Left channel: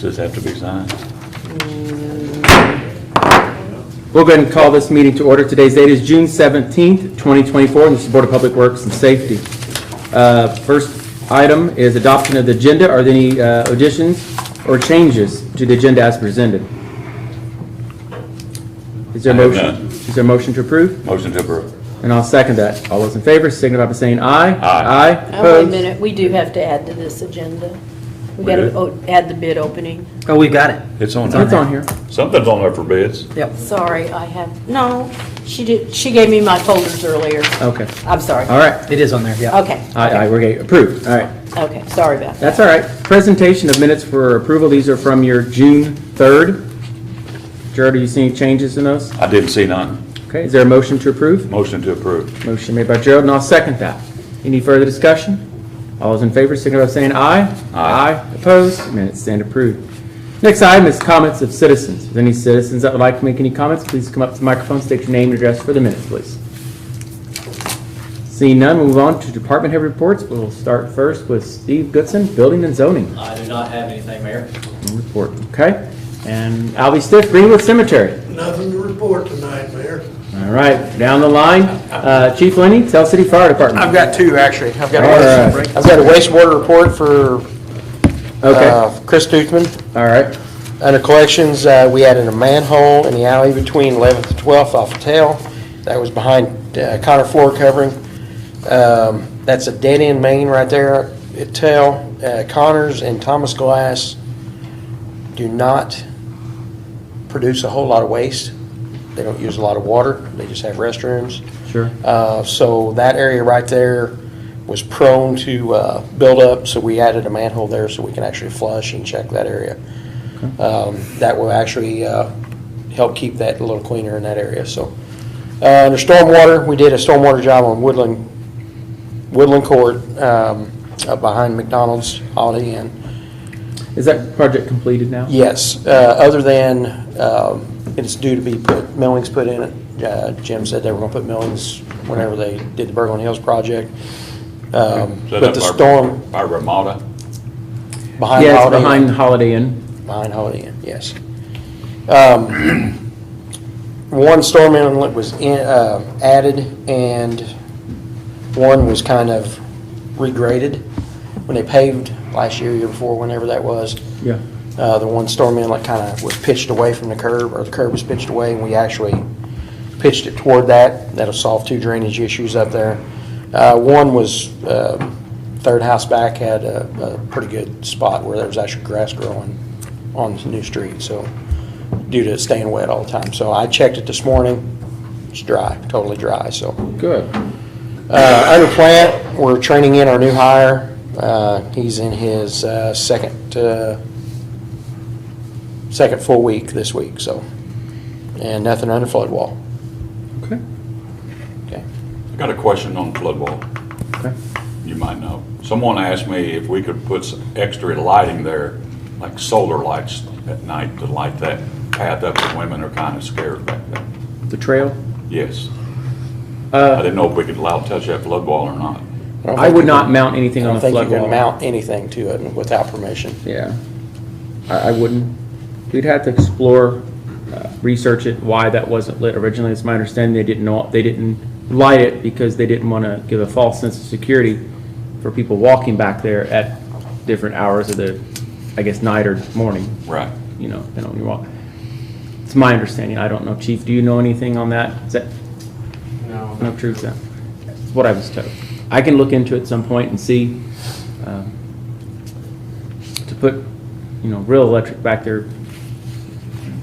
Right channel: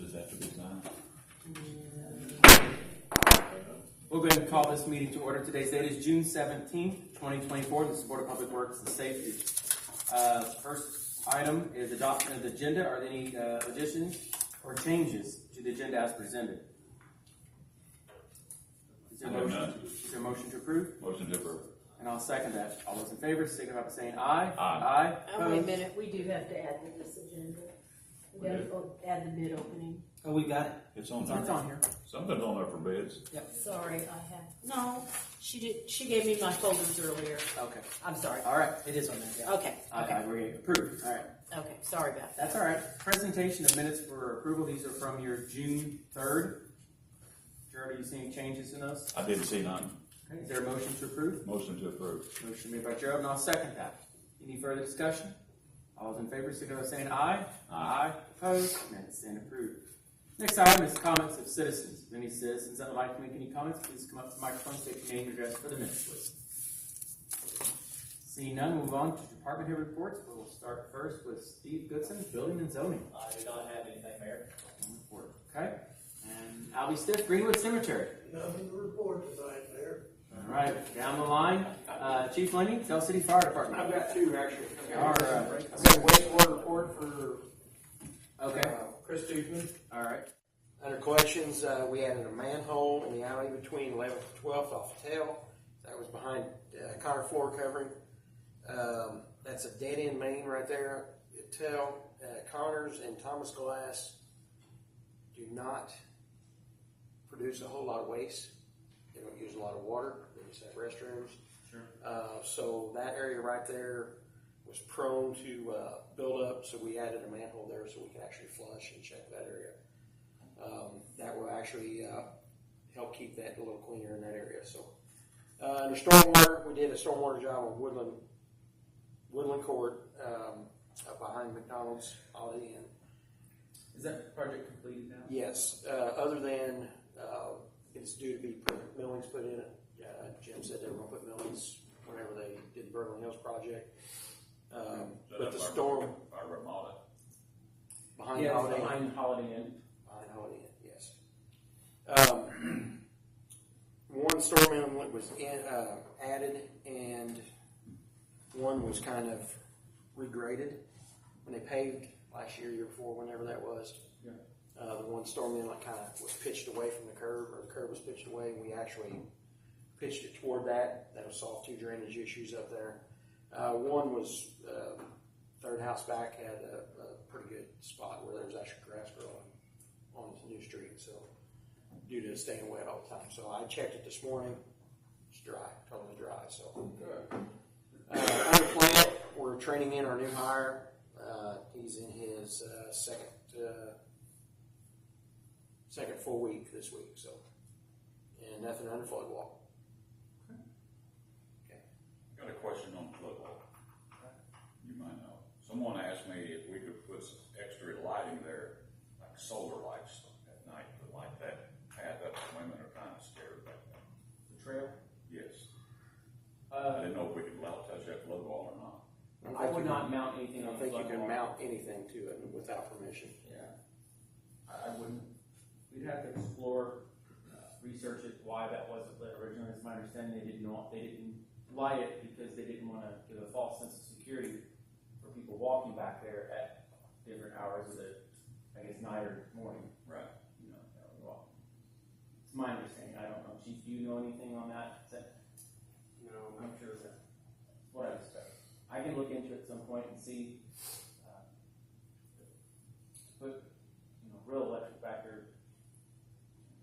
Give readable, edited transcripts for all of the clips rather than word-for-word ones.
Does this have to be signed? We'll go ahead and call this meeting to order. Today's date is June 17th, 2024, and this is the Board of Public Works and Safety. First item is adoption of the agenda. Are there any additions or changes to the agenda as presented? Is there a I have motion? none. Is there a motion to approve? Motion to approve. And I'll second that. All those in favor signify by saying aye. Aye. Wait a Opposed? minute, we do have to add to this agenda. We We got do? to add the bid opening. Oh, we've got it. It's on It's there. on here. Something's on there for bids. Yep. Sorry, I have, no, she did, she gave me my folders earlier. Okay. I'm sorry. All right. It is on there, yeah. Okay. Aye, we're getting approved. All right. Okay, sorry about that. That's all right. Presentation of minutes for approval. These are from your June 3rd. Jared, do you see any changes in those? I didn't see none. Okay, is there a motion to approve? Motion to approve. Motion made by Gerald, and I'll second that. Any further discussion? All those in favor, signify by saying aye. Aye. Opposed? Minutes stand approved. Next item is comments of citizens. If there's any citizens that would like to make any comments, please come up to the microphone, state your name and address for the minutes, please. Seeing none, we'll move on to department head reports. We'll start first with Steve Goodson, Building and Zoning. I do not have anything, Mayor. Report, okay? And Albie Stiff, Greenwood Cemetery. Nothing to report tonight, Mayor. All right, down the line, Chief Lenny, Tell City Fire Department. I've got two, actually. I've got All right. I've got a wastewater report for Okay, Chris Duthman. all right, Under collections, we added a manhole in the alley between 11th and 12th off of Tail. That was behind Connor floor covering. That's a dead-end main right there at Tail. Connors and Thomas Glass do not produce a whole lot of waste. They don't use a lot of water. They just have restrooms. sure. So that area right there was prone to build up, so we added a manhole there so we can actually flush and check that area. That will actually help keep that a little cleaner in that area. So under stormwater, we did a stormwater job on Woodland Court up behind McDonald's Holiday Inn. Is that project completed now? Yes, other than it's due to be millings put in it. Jim said they were going to put millings whenever they did the Berglund Hills project. So But that's the storm By Ramada. behind Yeah, it's Holiday Inn. behind Holiday Inn. Behind Holiday Inn, yes. One storm inlet was added, and one was kind of regraded when they paved last year, year before, whenever that was. Yeah. The one storm inlet kind of was pitched away from the curb, or the curb was pitched away, and we actually pitched it toward that. That'll solve two drainage issues up there. One was, third house back had a pretty good spot where there was actually grass growing on the new street, so due to it staying wet all the time. So I checked it this morning. It's dry, totally dry, so. Good. Under plant, we're training in our new hire. He's in his second full week this week, so. And nothing under flood wall. Okay. Okay. I got a question on flood wall. Okay. You might know. Someone asked me if we could put some extra lighting there, like solar lights at night to light that path up that women are kind of scared back there. The trail? Yes. I Uh, didn't know if we could allow to touch that flood wall or not. don't I think would you not can- mount anything I on don't the think you flood can wall. mount anything to it without permission. Yeah. I wouldn't. We'd have to explore, research it, why that wasn't lit originally. It's my understanding they didn't light it because they didn't want to give a false sense of security for people walking back there at different hours of the, I guess, night or morning, Right. you know, depending on your walk. It's my understanding. I don't know. Chief, do you know anything on that? Is that no truth to that? That's what I was told. I can look into it at some point and see, to put, you know, real electric back there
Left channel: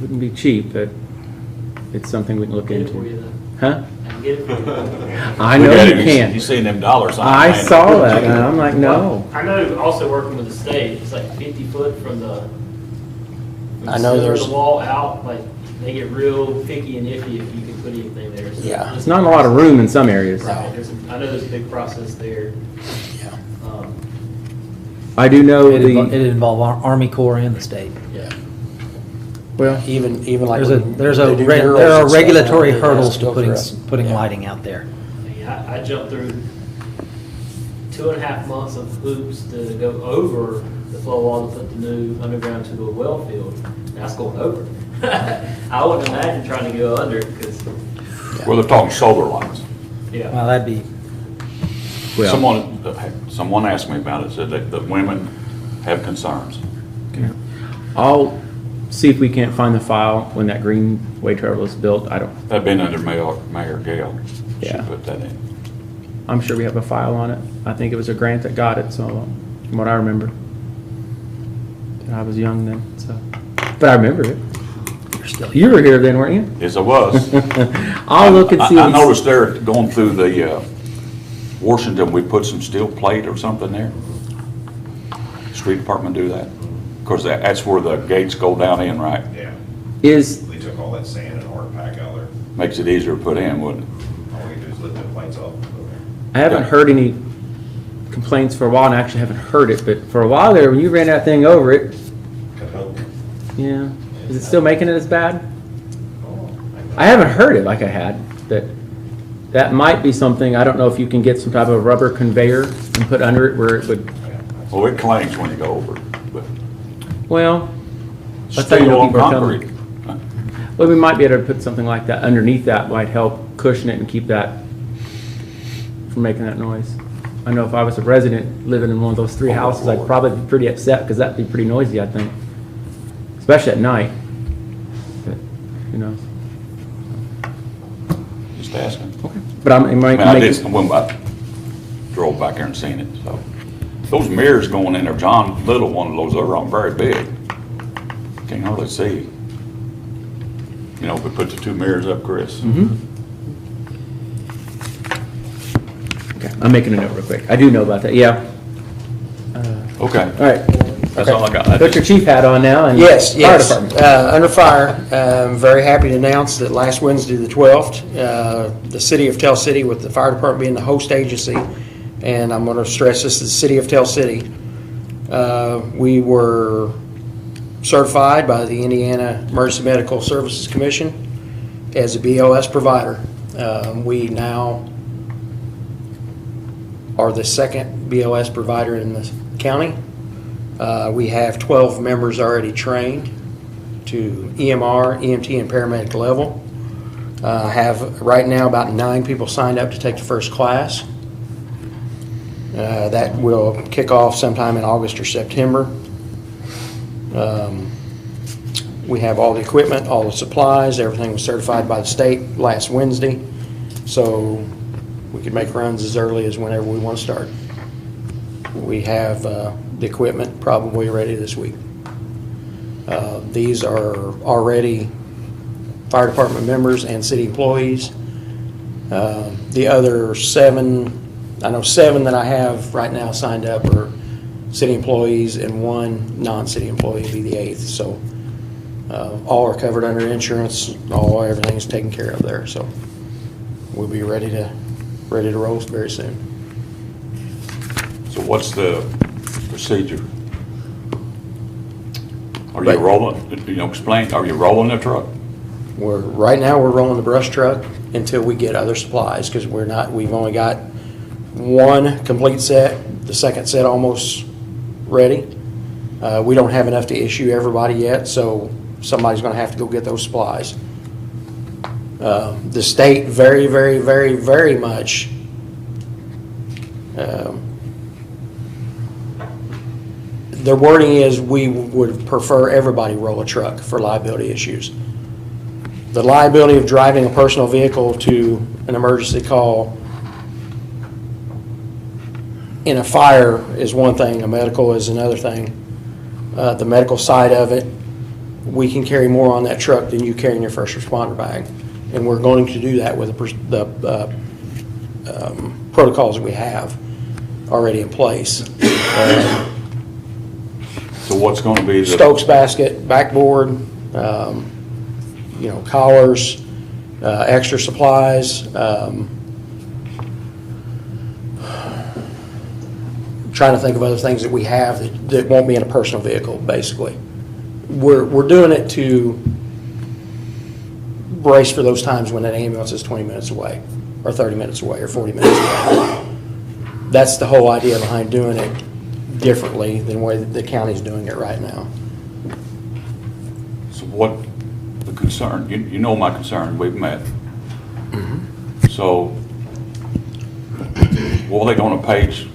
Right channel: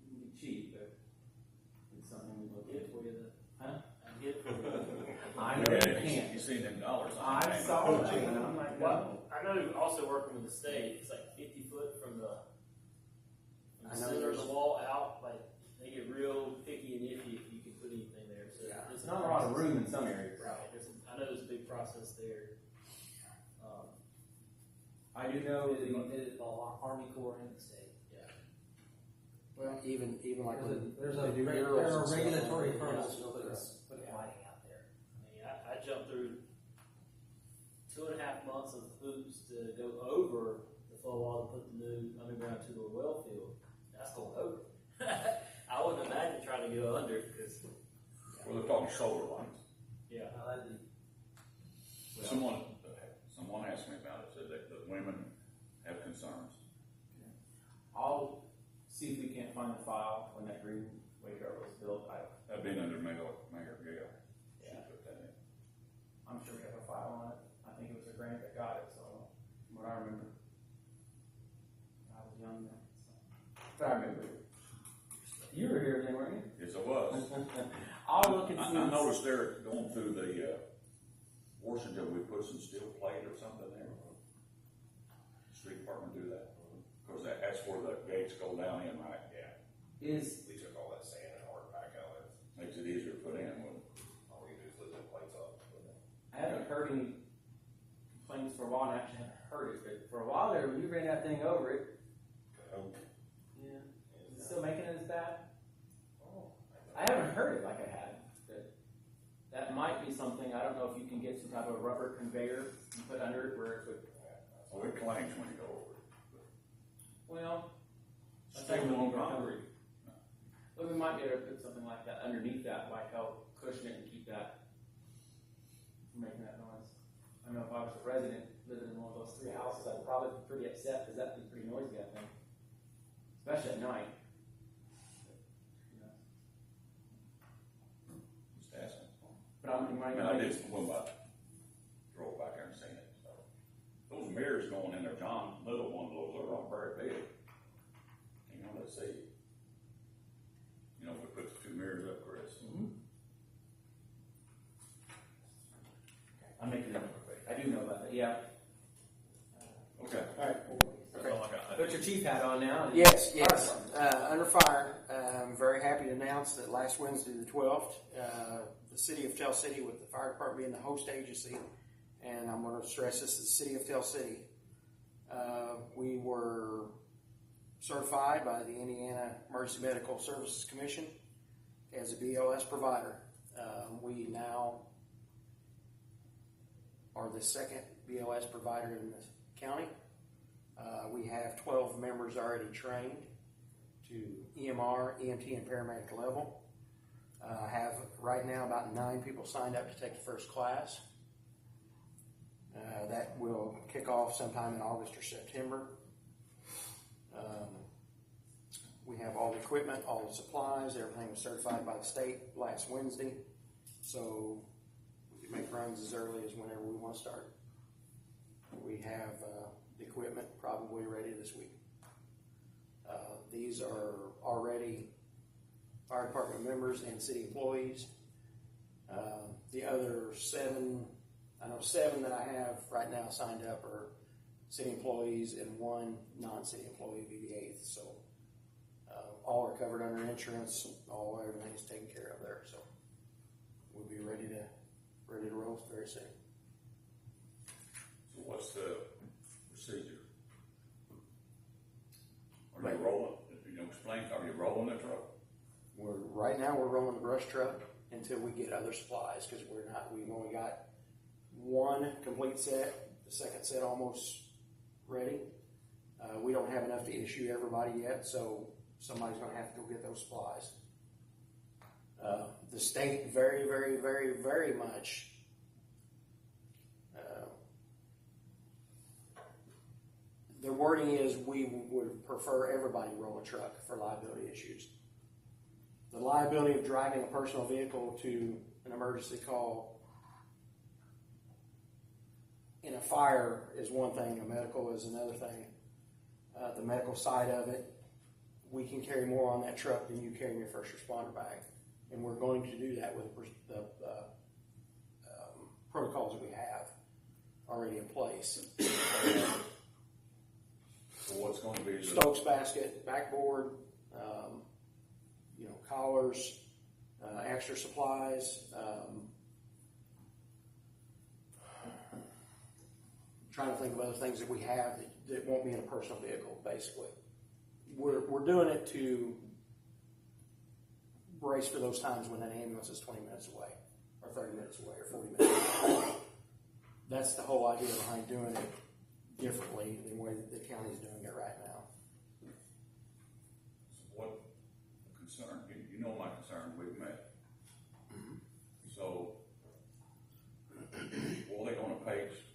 wouldn't be cheap, but it's something we can look Get it for into. you then. Huh? I can get it for you. I We know got you it. can. You seen them dollars? I saw that, and I'm like, no. I know also working with the state, it's like 50 foot from the I know center of there's- the wall out, like they get real picky and iffy if you can put anything there. So Yeah. There's not a lot of room in some areas. Right, I know there's a big process there. Yeah. I do know It'd the, involve Army Corps and the state. Yeah. well, Even like. There when they do there murals are and stuff, regulatory it has hurdles to go through us. putting Yeah. lighting out there. I mean, I jumped through 2.5 months of hoops to go over the flow wall to put the new underground to a well field, that's going over. I wouldn't imagine trying to go under it, because, Well, they're talking solar lights. yeah. Well, that'd be, Well, Someone asked me about it, said that the women have concerns. I'll see if we can't find the file when that Greenway Trail was built. I don't, That'd been under Mayor Gale. She Yeah. put that in. I'm sure we have a file on it. I think it was a grant that got it, so, from what I remember. And I was young then, so, but I remember it. you're still. You were here then, weren't you? Yes, I was. I'll look and see. I what's- noticed there, going through the, Washington, we put some steel plate or something there. Street department do that? Of course, that's where the gates go down in, right? Yeah, Is, they took all that sand and hard pack out there. Makes it easier to put in, wouldn't it? All we do is lift the plates off. I haven't Yeah. heard any complaints for a while, and I actually haven't heard it, but for a while there, when you ran that thing over it, Cahokia. yeah. Is it still making it as bad? I haven't heard it like I had, but that might be something, I don't know if you can get some type of rubber conveyor and put under it where it would, Well, it clangs when you go over it, but well, that's how you steel know on people are coming. concrete. Well, we might be able to put something like that underneath that, might help cushion it and keep that from making that noise. I know if I was a resident living in one of those three houses, I'd probably be pretty upset, because that'd be pretty noisy, I think. Especially at night. But, who knows? Just asking. Okay. But I'm, it I might mean, I make did, it, when I drove back there and seen it, so. Those mirrors going in there, John Little, one of those, they're very big. Can't hardly see. You know, if we put the two mirrors up, Chris. okay, I'm making a note real quick. I do know about that, yeah. Okay, All right. that's all I got. I Put your just- chief hat on now and. Yes, Fire yes. department. Under fire, I'm very happy to announce that last Wednesday, the 12th, the city of Tell City, with the fire department being the host agency, and I'm going to stress this, the city of Tell City, we were certified by the Indiana Emergency Medical Services Commission as a BLS provider. We now are the second BLS provider in the county. We have 12 members already trained to EMR, EMT, and paramedic level. Have right now about 9 people signed up to take the first class. That will kick off sometime in August or September. We have all the equipment, all the supplies, everything was certified by the state last Wednesday. So we could make runs as early as whenever we want to start. We have the equipment probably ready this week. These are already fire department members and city employees. The other 7, I know 7 that I have right now signed up are city employees, and 1 non-city employee will be the 8th. So all are covered under insurance. Everything's taken care of there. So we'll be ready to roll very soon. So what's the procedure? Are you Right. rolling, explain, are you rolling the truck? Right now we're rolling the brush truck until we get other supplies, because we've only got 1 complete set, the second set almost ready. We don't have enough to issue everybody yet, so somebody's gonna have to go get those supplies. The state very, very, very, very much their wording is, we would prefer everybody roll a truck for liability issues. The liability of driving a personal vehicle to an emergency call in a fire is one thing, a medical is another thing. The medical side of it, we can carry more on that truck than you carry in your first responder bag. And we're going to do that with the protocols that we have already in place. So what's gonna be the? Stokes basket, backboard, collars, extra supplies. Trying to think of other things that we have that won't be in a personal vehicle, basically. We're doing it to brace for those times when that ambulance is 20 minutes away, or 30 minutes away, or 40 minutes away. That's the whole idea behind doing it. differently than the way that the county's doing it right now. So what, the concern, you know my concern, we've met. So, what are they gonna page,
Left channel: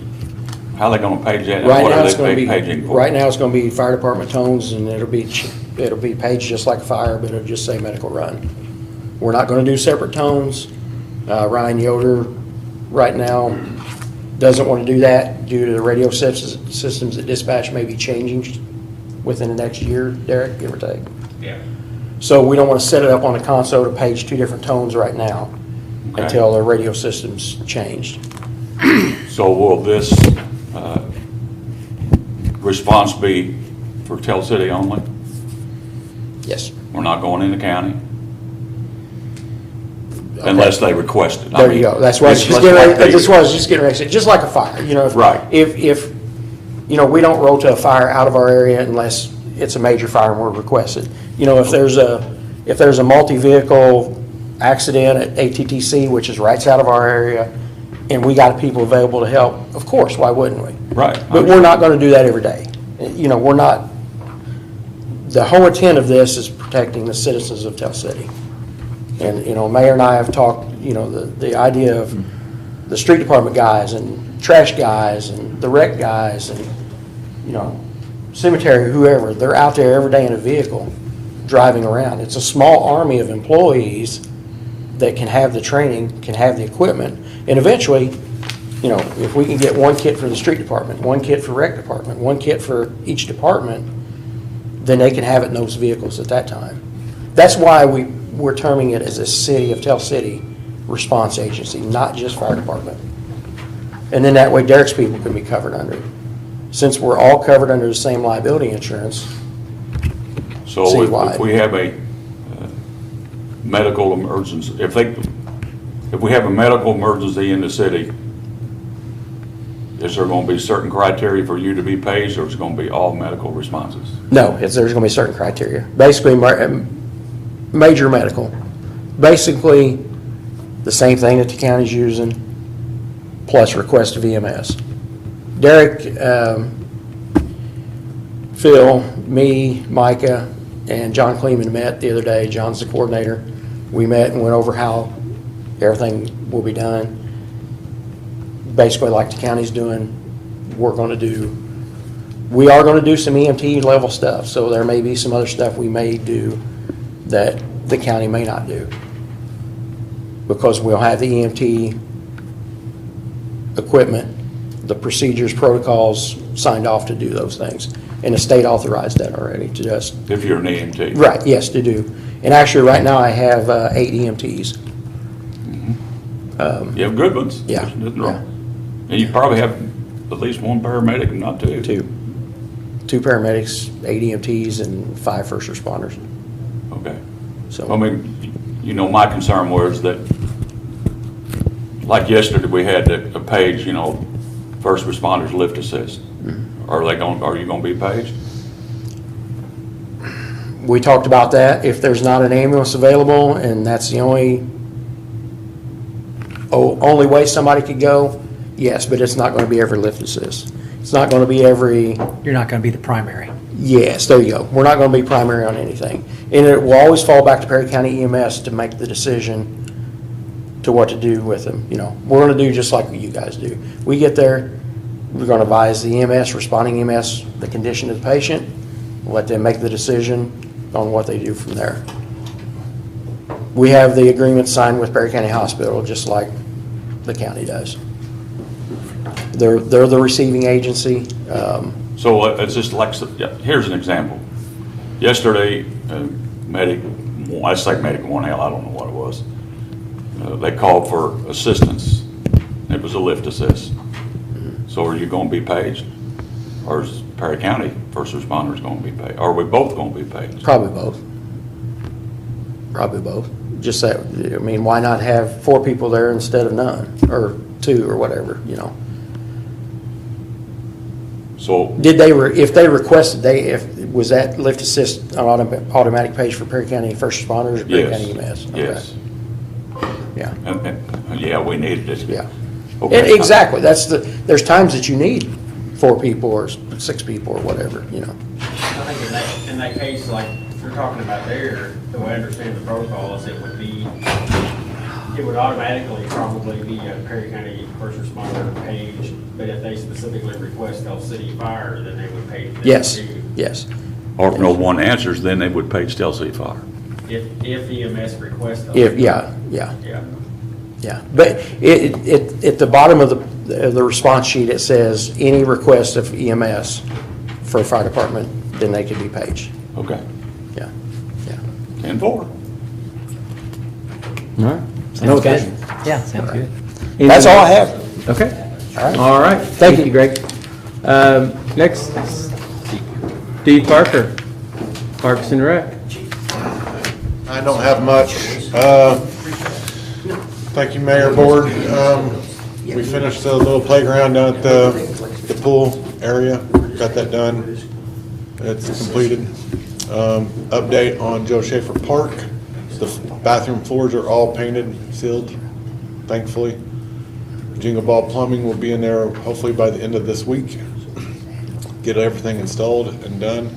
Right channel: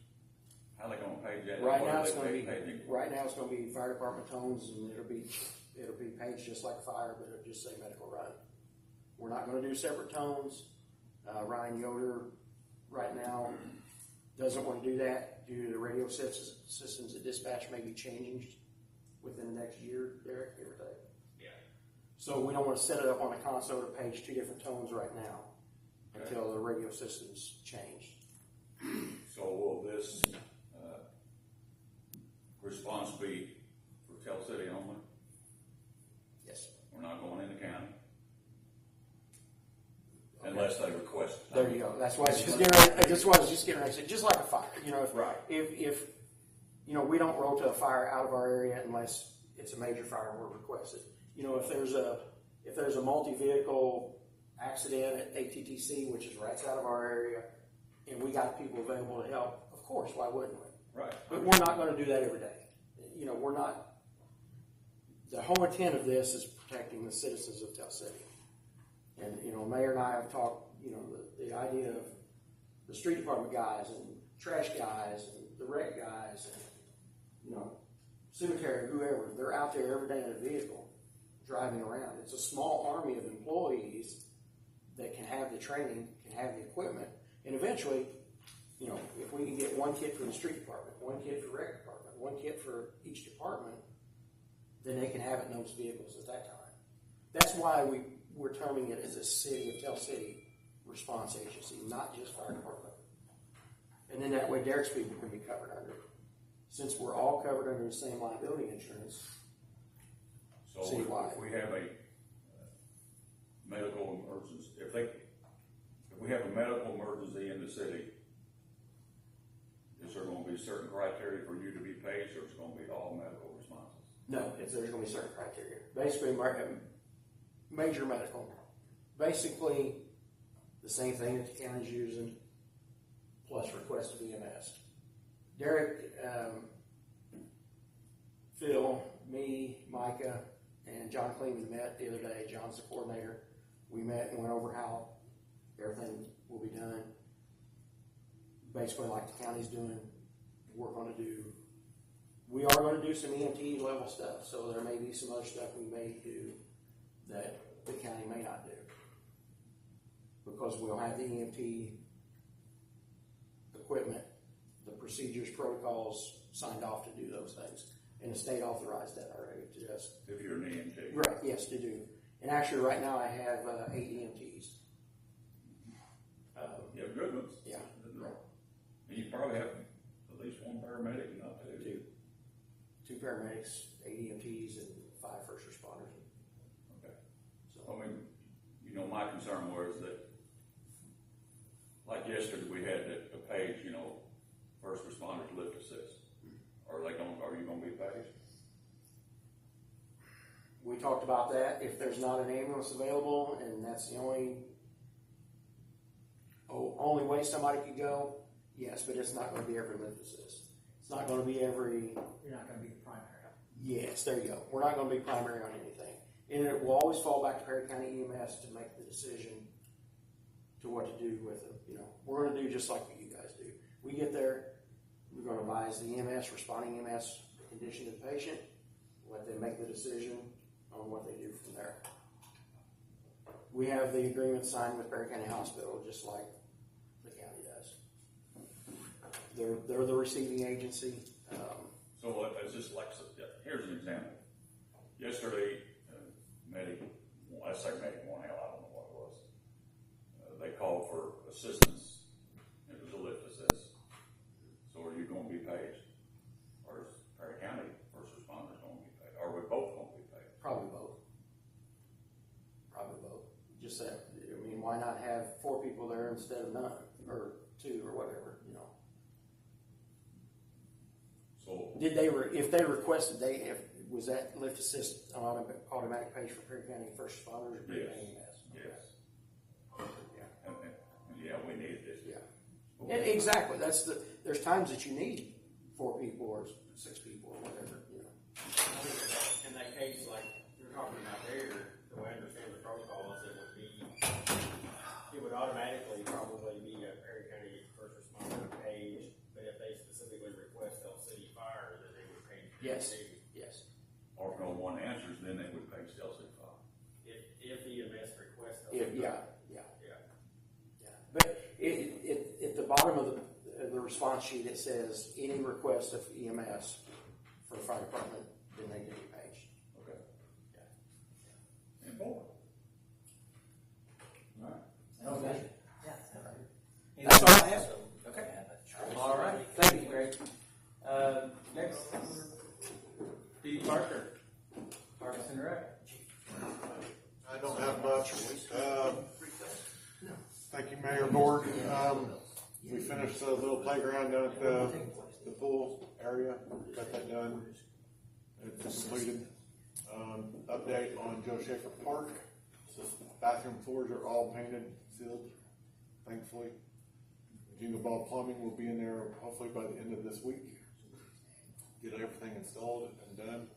how are they gonna page that? and Right what now, are it's they gonna be, paging for? right now, it's gonna be fire department tones, and it'll be paged just like a fire, but it'll just say medical run. We're not gonna do separate tones. Ryan Yoder, right now, doesn't wanna do that due to the radio systems that dispatch may be changing within the next year, Derek, give or take. Yeah. So we don't wanna set it up on a console to page two different tones right now Okay. until the radio system's changed. So will this, response be for Tell City only? Yes. We're not going in the county? Unless they request it. I There you mean, go. That's what I was it's just like getting ready, they- that's what I was just getting ready to say, just like a fire, you know. Right. If, you know, we don't roll to a fire out of our area unless it's a major fire and we're requested. You know, if there's a multi-vehicle accident at ATTC, which is right out of our area, and we got people available to help, of course, why wouldn't we? Right. But we're not gonna do that every day. You know, we're not, the whole intent of this is protecting the citizens of Tell City. And, you know, Mayor and I have talked, you know, the idea of the street department guys and trash guys and the rec guys and, you know, cemetery, whoever, they're out there every day in a vehicle driving around. It's a small army of employees that can have the training, can have the equipment, and eventually, you know, if we can get one kit for the street department, one kit for rec department, one kit for each department, then they can have it in those vehicles at that time. That's why we're terming it as a City of Tell City response agency, not just fire department. And then that way Derek's people can be covered under it. Since we're all covered under the same liability insurance, So citywide. if we have a medical emergency, if we have a medical emergency in the city, is there gonna be certain criteria for you to be paged, or is it gonna be all medical responses? no, there's gonna be certain criteria. Basically, major medical. Basically, the same thing that the county's using, plus request of EMS. Derek, Phil, me, Micah, and John Kleeman met the other day. John's the coordinator. We met and went over how everything will be done. Basically, like the county's doing, we're gonna do, we are gonna do some EMT level stuff, so there may be some other stuff we may do that the county may not do. Because we'll have the EMT equipment, the procedures, protocols signed off to do those things. And the state authorized that already to just, If you're an EMT? right, yes, to do. And actually, right now, I have 8 EMTs. You have good ones? Yeah, There's nothing wrong. And you probably have at least one paramedic, if not two. 2 paramedics, 8 EMTs, and 5 first responders. Okay. So. I mean, you know, my concern was that, like yesterday, we had a page, you know, first responders lift assist. Are you gonna be paged? We talked about that. If there's not an ambulance available and that's the only way somebody could go, yes, but it's not going to be every lift assist. It's not going to be every, You're not going to be the primary. yes, there you go. We're not going to be primary on anything. And it will always fall back to Perry County EMS to make the decision to what to do with them. You know, we're going to do just like you guys do. We get there, we're going to advise the EMS, responding EMS, the condition of the patient, let them make the decision on what they do from there. We have the agreement signed with Perry County Hospital, just like the county does. They're the receiving agency. So it's just like, here's an example. Yesterday, medic, I say medic one, hell, I don't know what it was. They called for assistance. It was a lift assist. So are you gonna be paged? Or is Perry County first responders gonna be paid? Are we both gonna be paid? Probably both. Probably both. Just that, I mean, why not have 4 people there instead of none, or 2, or whatever, you know? So, Did if they requested, was that lift assist on automatic page for Perry County first responders or Perry yes, County EMS? Okay. yes. Yeah, And, yeah, we needed it. yeah. Okay. And exactly, there's times that you need 4 people or 6 people or whatever, you know. I think in that case, like you're talking about there, the way I understand the protocol is it would automatically probably be a Perry County First Responder page, but if they specifically request Tell City Fire, then they would page them Yes, too. yes. Or if no one answers, then they would page Tell City Fire. If EMS requests. Tell If, City yeah, Fire. yeah. Yeah. Yeah, but at the bottom of the response sheet, it says any request of EMS for a fire department, then they could be paged. Okay, Yeah, yeah. 10-4. All right. Sounds No good. objection. Yeah, sounds good. That's all I have. Okay. All right. All right. Thank you. Greg. Next, Steve Parker, Parks and Rec. I don't have much. Thank you, Mayor, Board. We finished the little playground down at the pool area, got that done. It's completed. Update on Joe Schaefer Park. The bathroom floors are all painted, sealed, thankfully. Jingle Ball Plumbing will be in there hopefully by the end of this week. Get everything installed and done.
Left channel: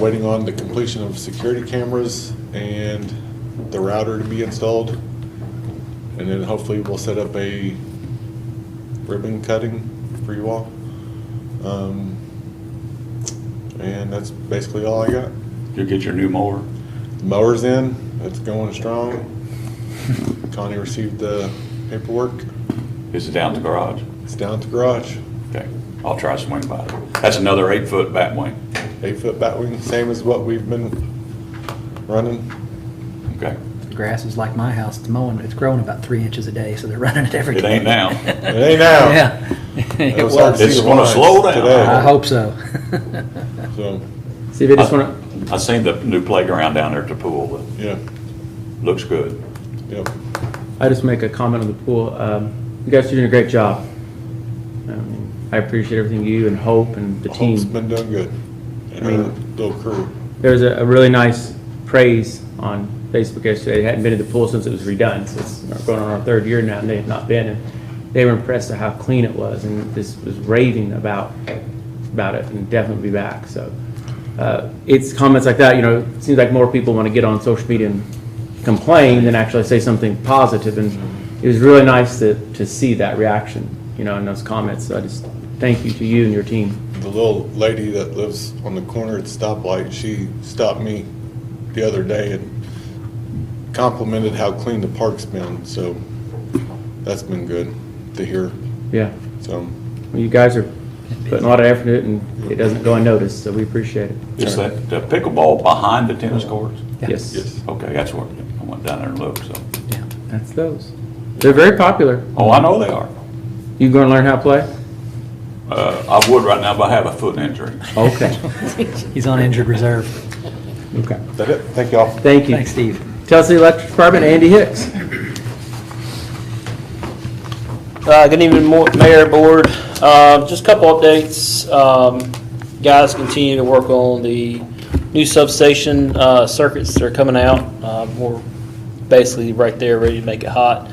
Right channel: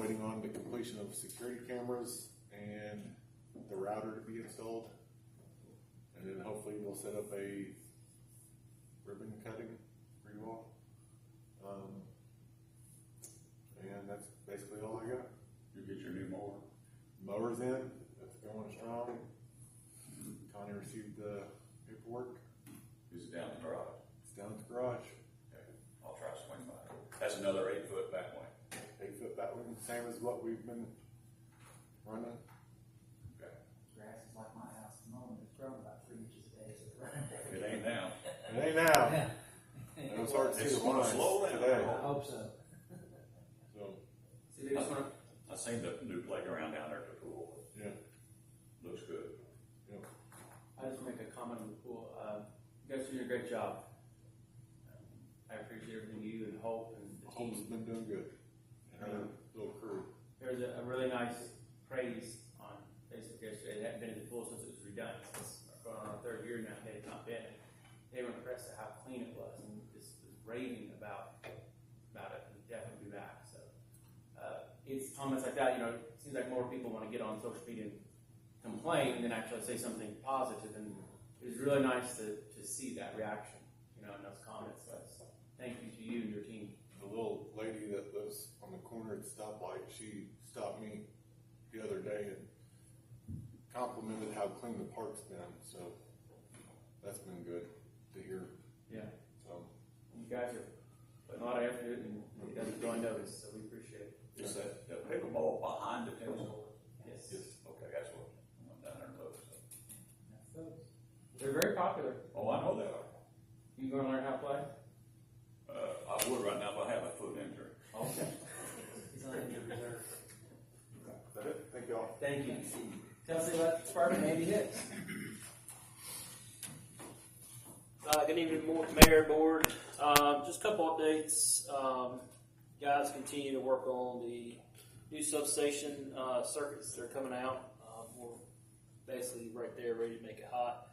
Waiting on the completion of security cameras and the router to be installed. And then hopefully we'll set up a ribbon cutting for you all. And that's basically all I got. You'll get your new mower. Mower's in, it's going strong. Connie received the paperwork. Is it down to the garage? It's down at the garage. Okay, I'll try to swing by. That's another 8-foot bat wing. 8-foot batwing, same as what we've been running. Okay, The grass is like my house. It's mowing. It's growing about 3 inches a day, so they're running it every day. it ain't now. It ain't now. Yeah. It was hard to was. It's see the gonna lines slow down. today. I hope so. So, See if they just want I seen the new playground down there at the pool. yeah, Looks good. yep. to, I just make a comment on the pool. You guys are doing a great job. I appreciate everything you and Hope and the Hope's team. been doing good. And I mean- her little crew. There was a really nice praise on Facebook yesterday. They hadn't been to the pool since it was redone, so it's going on our 3rd year now, and they have not been. And they were impressed at how clean it was, and this was raving about it, and definitely be back. So it's comments like that. It seems like more people want to get on social media and complain than actually say something positive. And it was really nice to see that reaction, in those comments. So I just thank you to you and your team. The little lady that lives on the corner at the stoplight, she stopped me the other day and complimented how clean the park's been, so that's been good to hear. Yeah, So, well, you guys are putting a lot of effort into it, and it doesn't go unnoticed, so we appreciate it. Is that the pickleball behind the tennis courts? Yes. yes. Okay, that's where, I went down there and looked, so. Yeah. That's those. They're very popular. Oh, I know they are. You going to learn how to play? I would right now, but I have a foot injury. Okay. He's on injured reserve. Okay. Is that it? Thank y'all. Thank you. Thanks, Steve. Tennessee Electric Department, Andy Hicks. Good evening, Mayor, Board. Just a couple updates. Guys continue to work on the new substation circuits that are coming out. We're basically right there, ready to make it hot.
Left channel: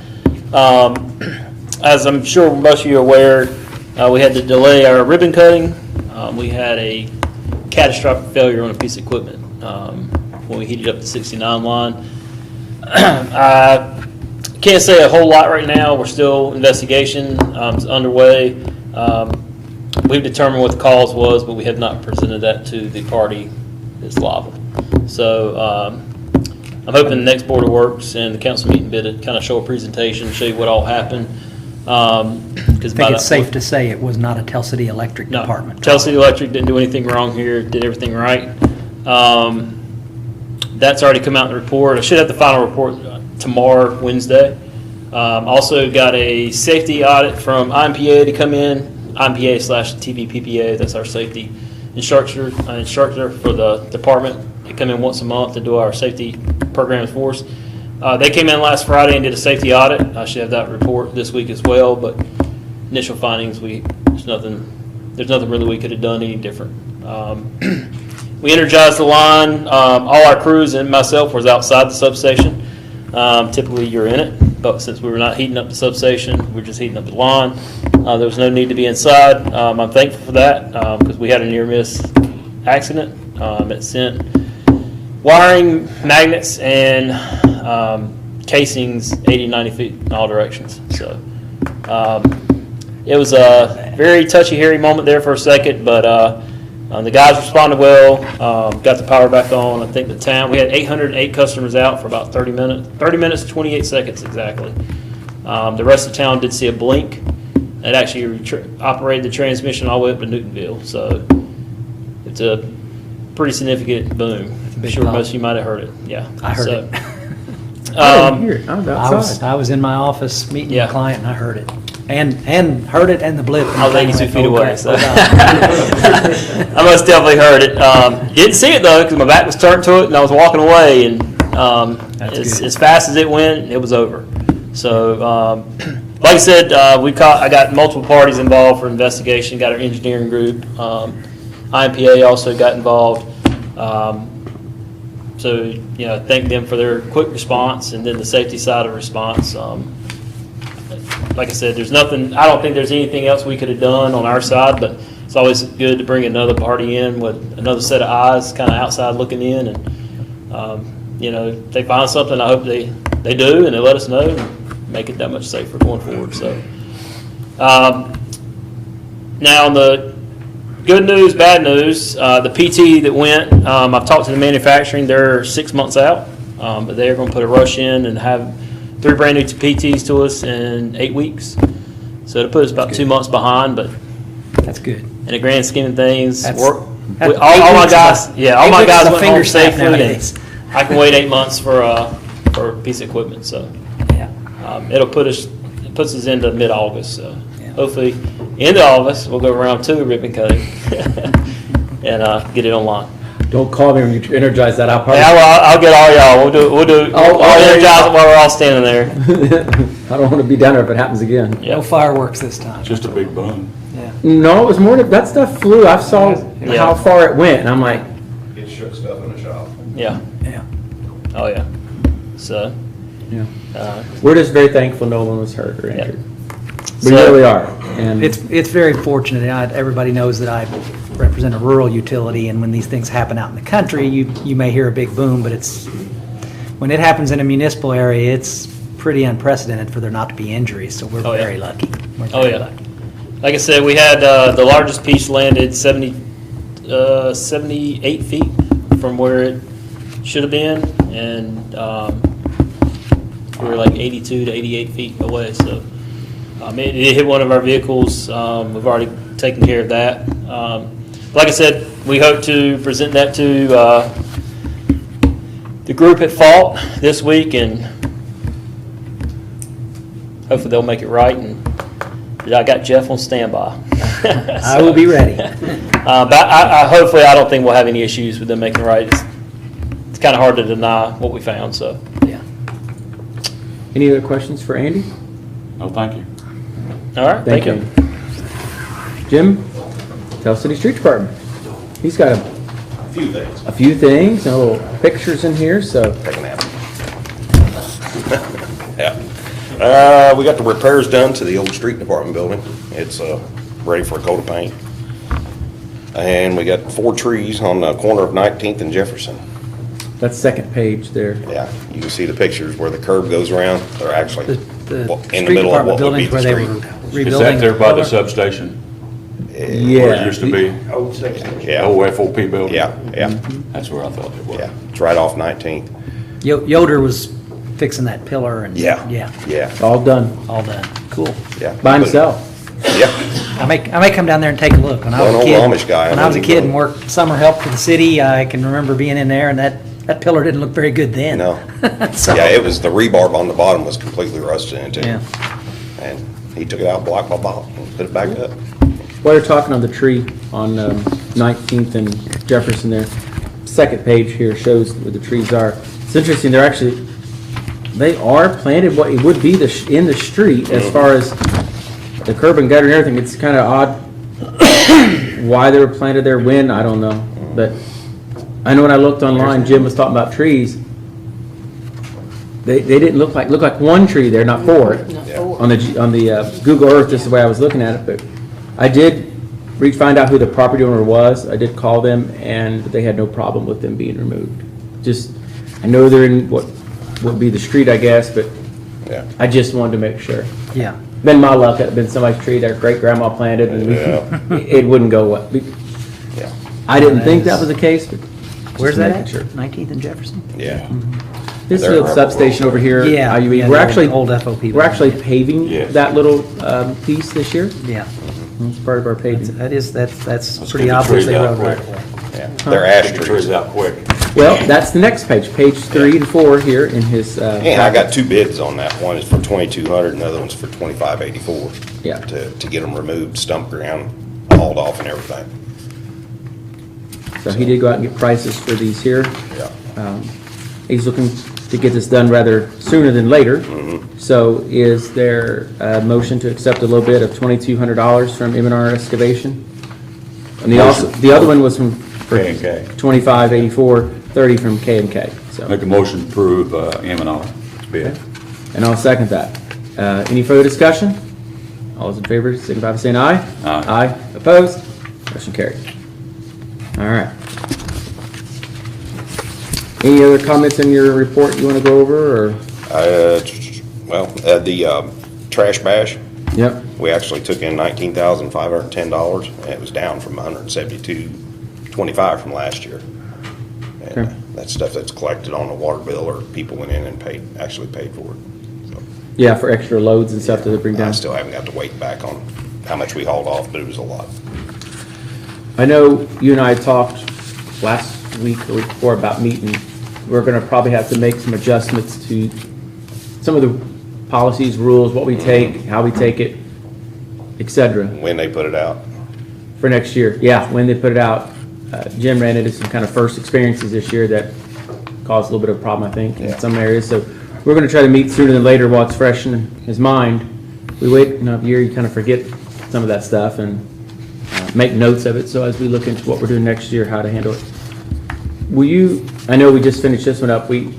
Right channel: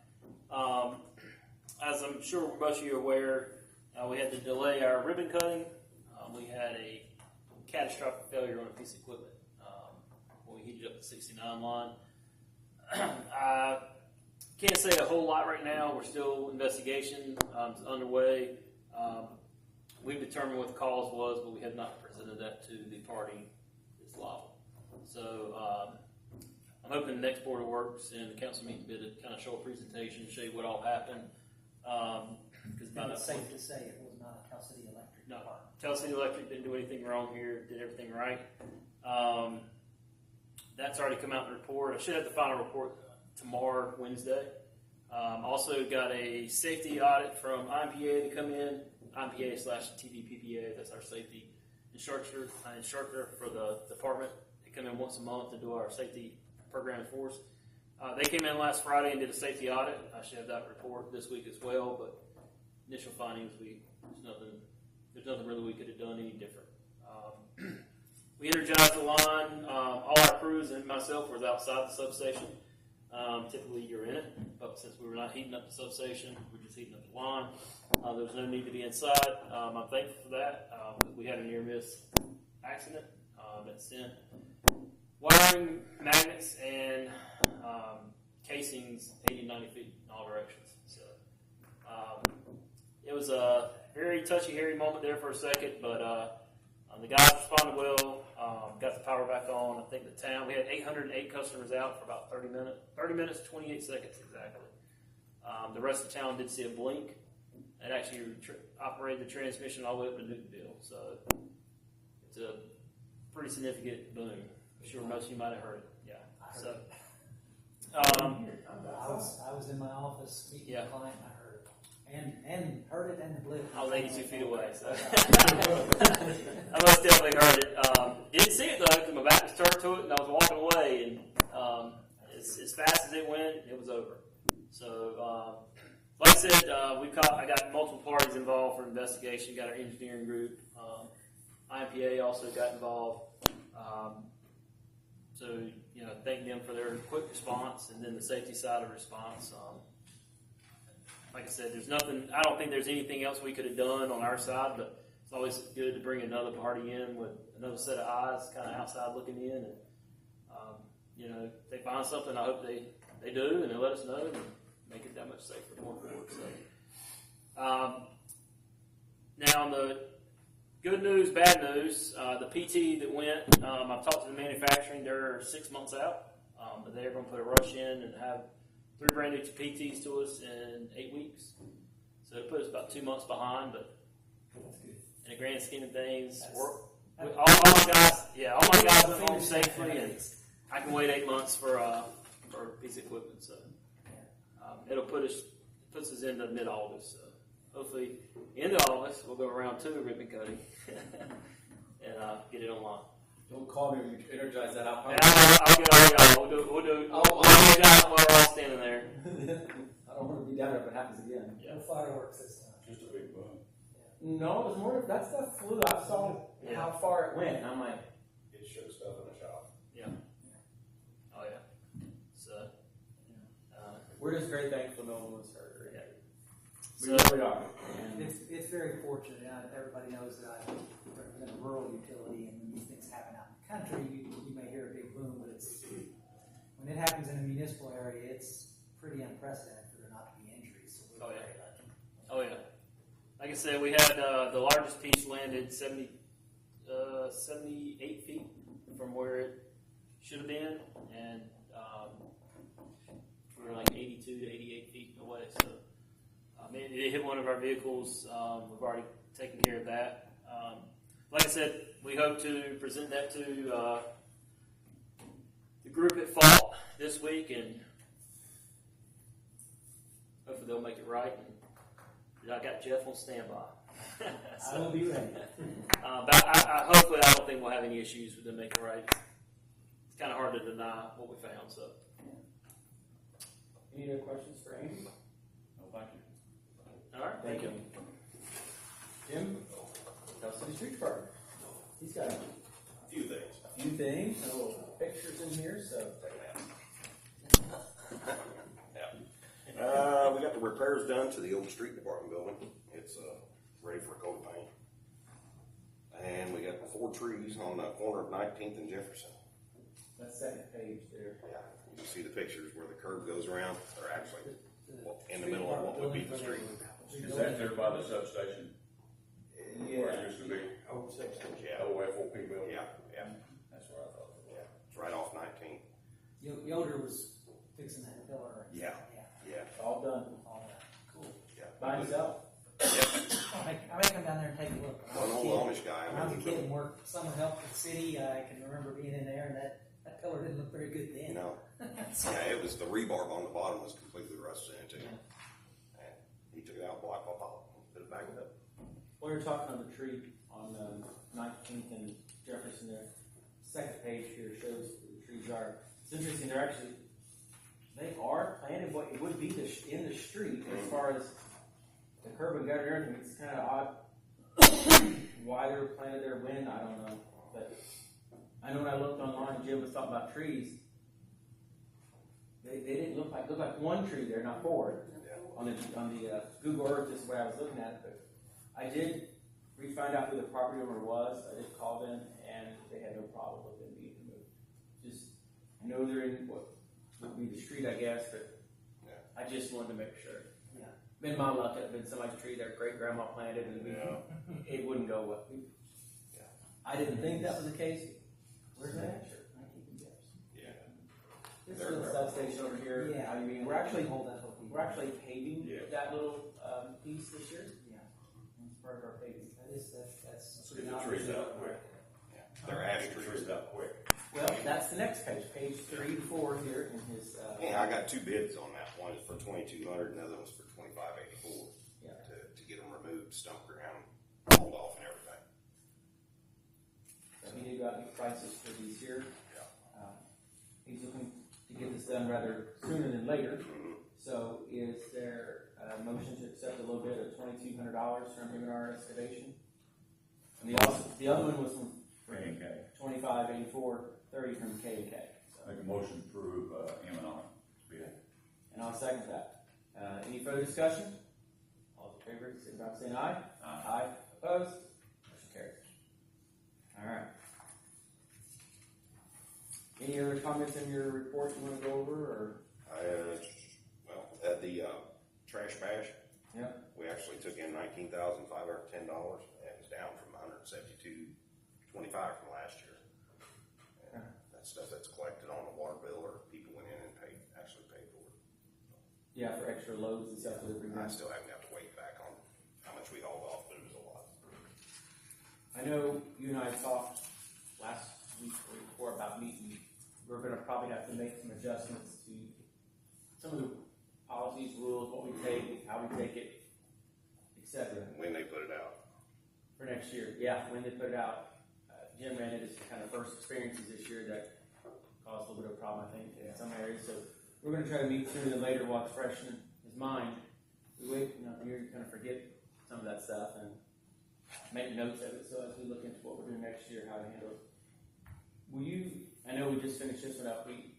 As I'm sure most of you are aware, we had to delay our ribbon cutting. We had a catastrophic failure on a piece of equipment when we heated up the 69 line. I can't say a whole lot right now. We're still investigation is underway. We've determined what the cause was, but we have not presented that to the party that's liable. So I'm hoping the next Board of Works and the council meeting bid to kind of show a presentation, show you what all happened. I think it's safe to say it was not a Tell City Electric No, department. Tell City Electric didn't do anything wrong here, did everything right. That's already come out in the report. I should have the final report tomorrow, Wednesday. Also got a safety audit from IMPA to come in, IMPA/TVPPA, that's our safety instructor for the department. They come in once a month to do our safety programs for us. They came in last Friday and did a safety audit. I should have that report this week as well, but initial findings, there's nothing really we could have done any different. We energized the line. All our crews and myself was outside the substation. Typically you're in it, but since we were not heating up the substation, we're just heating up the line. There was no need to be inside. I'm thankful for that because we had a near miss accident. It sent wiring, magnets, and casings 80, 90 feet in all directions. So it was a very touchy, hairy moment there for a second, but the guys responded well, got the power back on. I think the town, we had 808 customers out for about 30 minutes, 28 seconds exactly. The rest of the town did see a blink. It actually operated the transmission all the way up to Newtonville. So it's a pretty significant boom. I'm big sure pop. most of you might have heard it. Yeah. I heard So, it. I didn't hear it. I was I was, outside. I was in my office meeting Yeah. a client and I heard it. And heard it and the blip. I was 82 feet away, so. Oh, God. I most definitely heard it. Didn't see it though, because my back was turned to it and I was walking away, and That's as, good. as fast as it went, it was over. So, like I said, I got multiple parties involved for investigation. Got our engineering group. IMPA also got involved. So, thank them for their quick response, and then the safety side of response. Like I said, there's nothing, I don't think there's anything else we could have done on our side, but it's always good to bring another party in with another set of eyes, kind of outside looking in, and, if they find something, I hope they do, and they let us know, and make it that much safer going forward, so. Now, on the good news, bad news, the PT that went, I've talked to the manufacturing, they're 6 months out, but they're going to put a rush in and have 3 brand new PTs to us in 8 weeks. So it'll put us about 2 months behind, but That's good. in the grand scheme of things, That's- all that's my 8 weeks guys, is a- yeah, all 8 my weeks guys is a went finger home snap safely, and nowadays. I can wait 8 months for a piece of equipment, so. Yeah. It puts us into mid-August, so Yeah. hopefully, end of August, we'll go around 2 ribbon cutting and get it online. Don't call me when you energize that. I'll probably. Yeah, I'll get all y'all. We'll do. Oh, I'll there you energize go. it while we're all standing there. I don't want to be down there if it happens again. Yeah. No fireworks this time. Just a big boom. Yeah. No, it was more that stuff flew. I saw Yeah. how far it went, and I'm like, It shook stuff in the shop. Yeah. Yeah. Oh yeah. So. yeah. Uh, We're just very thankful no one was hurt or Yeah. injured. We So- really are. And It's very fortunate. Everybody knows that I represent a rural utility, and when these things happen out in the country, you may hear a big boom, but when it happens in a municipal area, it's pretty unprecedented for there not to be injuries, so we're Oh, yeah. very lucky. We're Oh very yeah. lucky. Like I said, we had the largest piece landed 78 feet from where it should have been, and we were like 82 to 88 feet away. So it hit one of our vehicles. We've already taken care of that. Like I said, we hope to present that to the group at fault this week, and hopefully they'll make it right. And I got Jeff on standby. I will be ready. But I hopefully, I don't think we'll have any issues with them making it right. It's kind of hard to deny what we found, so. Yeah. any other questions for Andy? No, thank you. All right, thank you. Jim, Tell City Street Department. He's got A few things. a few things, and little pictures in here, so. Take a nap. Yeah. We got the repairs done to the old street department building. It's ready for a coat of paint. And we got 4 trees on the corner of 19th and Jefferson. That's second page there. Yeah, you can see the pictures where the curb goes around. They're actually The in the street middle of department what would be buildings the where they street. were Is rebuilding. that there by the color. substation? Yeah. Where it used to be? Yeah, Old FOP building? yeah, yeah, That's where I thought it was. yeah. It's right off 19th. Yoder was fixing that pillar and. Yeah. Yeah, Yeah, All done, all done. Cool. yeah. by himself. Yeah, I may come down there and take a look. When I was Well, a an kid, old Amish guy, I when I know was a he kid will. and worked summer help for the city, I can remember being in there and that pillar didn't look very good then. no. So- Yeah, it was, the rebarb on the bottom was completely rusted into. Yeah. And he took it out block by block and put it back up. While you're talking on the tree on 19th and Jefferson there, second page here shows where the trees are. It's interesting, they are planted what it would be in the street as far as the curb and gutter and everything. It's kind of odd why they were planted there, when, I don't know. But I know when I looked online, Jim was talking about trees. they didn't look like one tree there, not four. Not four. On the Google Earth, this is the way I was looking at it, but I did find out who the property owner was. I did call them, and they had no problem with them being removed. Just, I know they're in what would be the street, I guess, but Yeah. I just wanted to make sure. Yeah. Been my luck, it'd been somebody's tree their great-grandma planted, and Yeah. it wouldn't go well. Yeah. I didn't think that was the case, but. Where's just that making at? sure. 19th and Jefferson? Yeah. This They're little substation over here. Yeah, IUE, yeah, we're the actually, old FOP we're actually building. paving Yes. that little piece this year. Yeah. It's part of our paving. That's Let's pretty get the obvious trees they out rode right quick. away. Yeah. They're ash Get the trees. trees out quick. Well, that's the next page, page 3 and 4 here in his. And I got 2 bids on that. One is for 2,200 and the other one's for 2,584. Yeah. To get them removed, stump ground, hauled off and everything. So he did go out and get prices for these here. Yeah. He's looking to get this done rather sooner than later. So is there a motion to accept a little bit of $2,200 from M&R Excavation? And the other one was from K&K. 2584, 30 from K&K. So, Make a motion to approve M&R bid. and I'll second that. Any further discussion? All those in favor, signify by saying aye. Aye. Aye. Opposed? Motion carried. All right. Any other comments in your report you want to go over, or? The trash bash, Yep. we actually took in $19,510 and it was down from $172.25 from last year. And Okay. that's stuff that's collected on the water bill or people went in and actually paid for it. So, Yeah, for extra loads and stuff that they bring I down. still haven't got to wait back on how much we hauled off, but it was a lot. I know you and I talked last week or week before about meeting. We're gonna probably have to make some adjustments to some of the policies, rules, what we take, how we take it, et cetera, When they put it out, for next year. Yeah, when they put it out. Jim ran into some kind of first experiences this year that caused a little bit of a problem, I think, in Yeah. some areas. So we're gonna try to meet sooner than later while it's fresh in his mind. We wait a year, you kind of forget some of that stuff and make notes of it, so as we look into what we're doing next year, how to handle it. Will you, I know we just finished this one up, we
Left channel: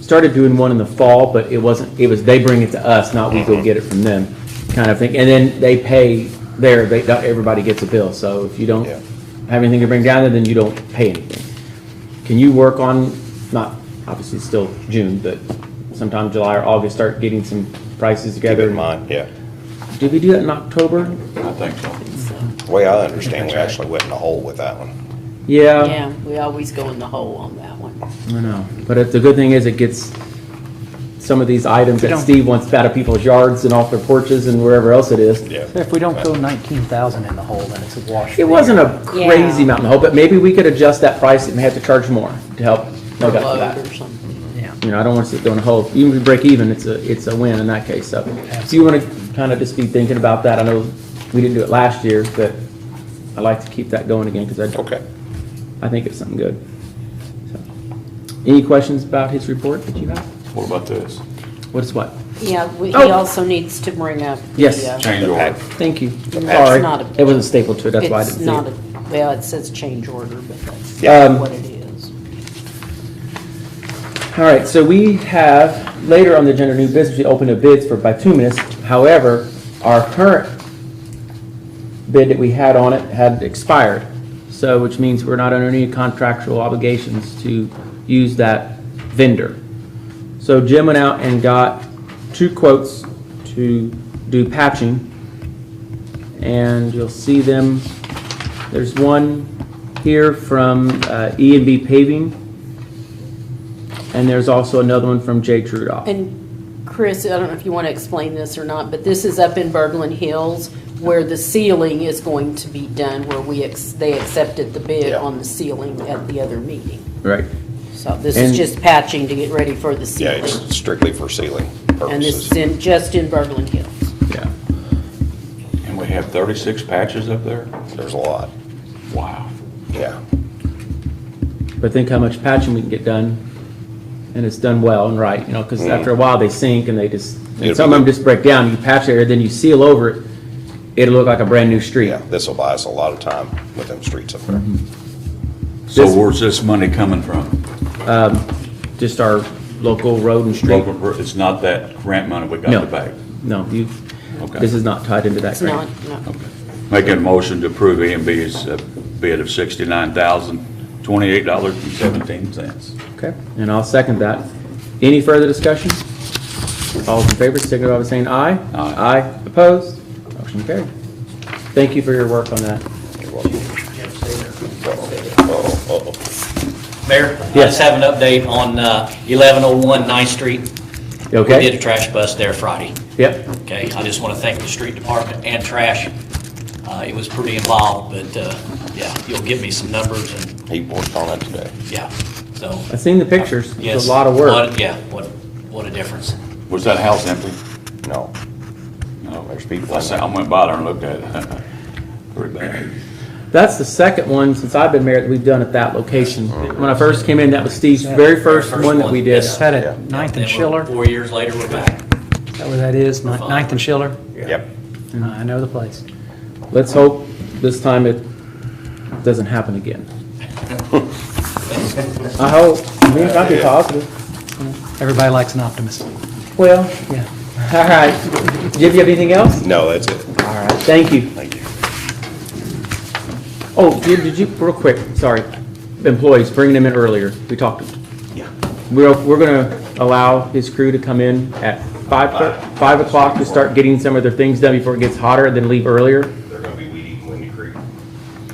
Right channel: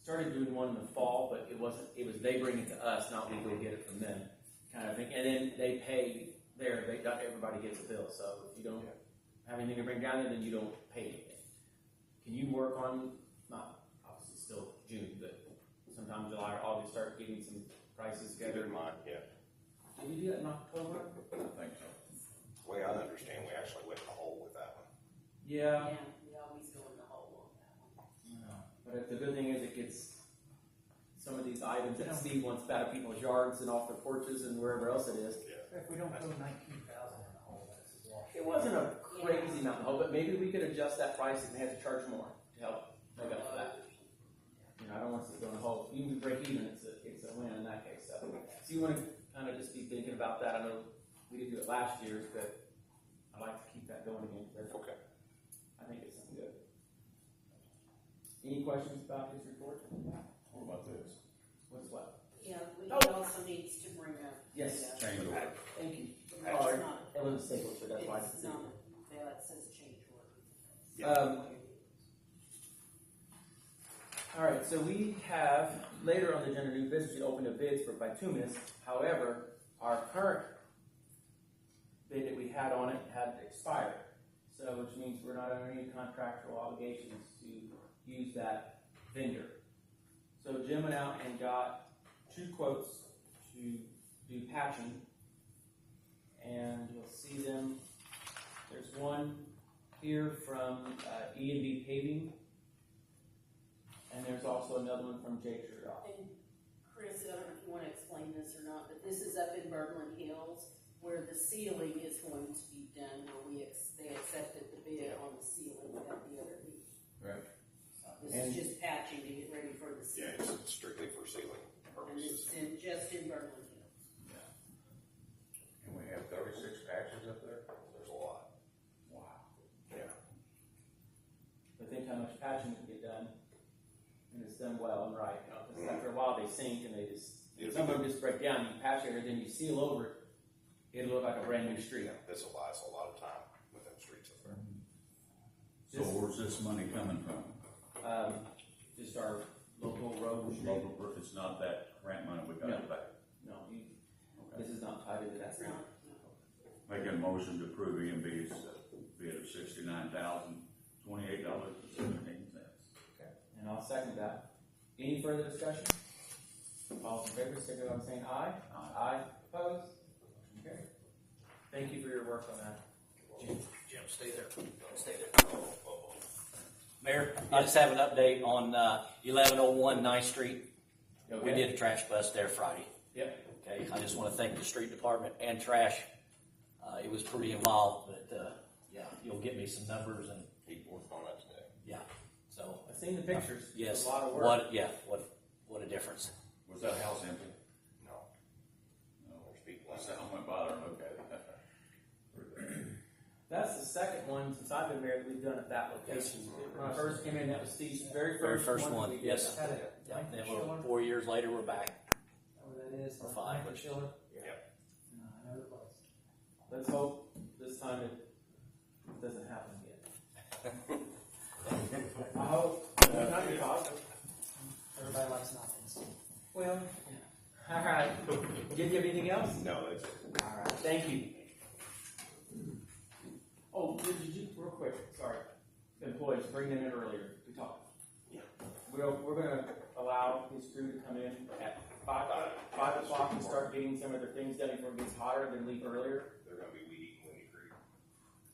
started doing one in the fall, but it was, they bring it to us, not we go get it from them, kind of thing. And then they pay there, everybody gets a bill, so if you don't Yeah. have anything to bring down there, then you don't pay anything. Can you work on, not, obviously it's still June, but sometime July or August, start getting some prices keep together? it in mind, yeah. Did we do that in October? I think so. The way I understand, we actually went in a hole with that one. Yeah. Yeah, we always go in the hole on that one. I know, but the good thing is it gets some of these items that don't- Steve wants out of people's yards and off their porches and wherever else it is. Yeah. If we don't go 19,000 in the hole, then it's a wash. It wasn't a crazy Yeah. amount in the hole, but maybe we could adjust that price and have to charge more to help Per make up for load that. or something. Yeah. You know, I don't want to sit there in a hole. Even if we break even, it's a win in that case. So if you want to kind of just be thinking about that, I know we didn't do it last year, but I like to keep that going again because Okay. I think it's something good. So, any questions about his report that you have? What about this? What is what? Yeah, he Oh. also needs to bring up. the, Yes. Change order. Thank you. It's Sorry, not a- it wasn't stapled to it, that's why I It's didn't see not it. a, well, it says change order, but that's Yeah. what it is. All right, so we have, later on the agenda, new business, we open up bids for bituminous. However, our current bid that we had on it had expired. So, which means we're not under any contractual obligations to use that vendor. So Jim went out and got 2 quotes to do patching. And you'll see them, there's one here from E&B Paving. And there's also another one from J. Trudoff. And Chris, I don't know if you want to explain this or not, but this is up in Berglund Hills where the ceiling is going to be done, where they accepted the bid Yeah. on the ceiling at the other meeting. Right. So this And- is just patching to get ready for the Yeah, ceiling. it's strictly for sealing And this purposes. is just in Berglund Hills. Yeah. And we have 36 patches up there? There's a lot, Wow. yeah. But think how much patching we can get done, and it's done well and right, you know, because after a while they sink and they just, and It'll some be of them good. just break down. You patch it, then you seal over it, it'll look like a brand-new street. Yeah, this will buy us a lot of time with them streets up there. So This- where's this money coming from? Just our local road and street. It's not that grant money we No. got back. No, Okay. this is not tied into that It's not, grant. no. Okay. Making a motion to approve E&B's bid of $69,028.17. Okay, and I'll second that. Any further discussion? All in favor, signify by saying aye. Aye. Aye, opposed? Motion carried. Thank you for your work on that. Mayor, I Yes. just have an update on 1101 9th Street. You We did okay? a trash bust there Friday. Yep, Okay, I just want to thank the street department and trash. It was pretty involved, but yeah, you'll give me some numbers and, He worked on it today. yeah, so. I've seen the pictures. Yes. It's a lot of work. Yeah, what a difference. Was that house empty? No. No. There's people I said, I went by there and looked at it. Pretty bad. That's the second one since I've been mayor that we've done at that location. When I first came in, that was Steve's very first one that we did. Yes. Is that Yeah. at Ninth Then and Schiller? 4 years later, we're back. Is that where that is? Ninth and Schiller? Yep. I know the place. Let's hope this time it doesn't happen again. I hope. I mean, try to be positive. Everybody likes an optimist. Well, Yeah. all right. Jim, you have anything else? No, that's it. All right, thank you. Thank you. Oh, Jim, did you, real quick, sorry, employees, bringing them in earlier, we talked. Yeah. We're gonna allow his crew to come in at 5 o'clock to start getting some of their things done before it gets hotter, and then leave earlier. They're gonna be weed eating Windy Creek.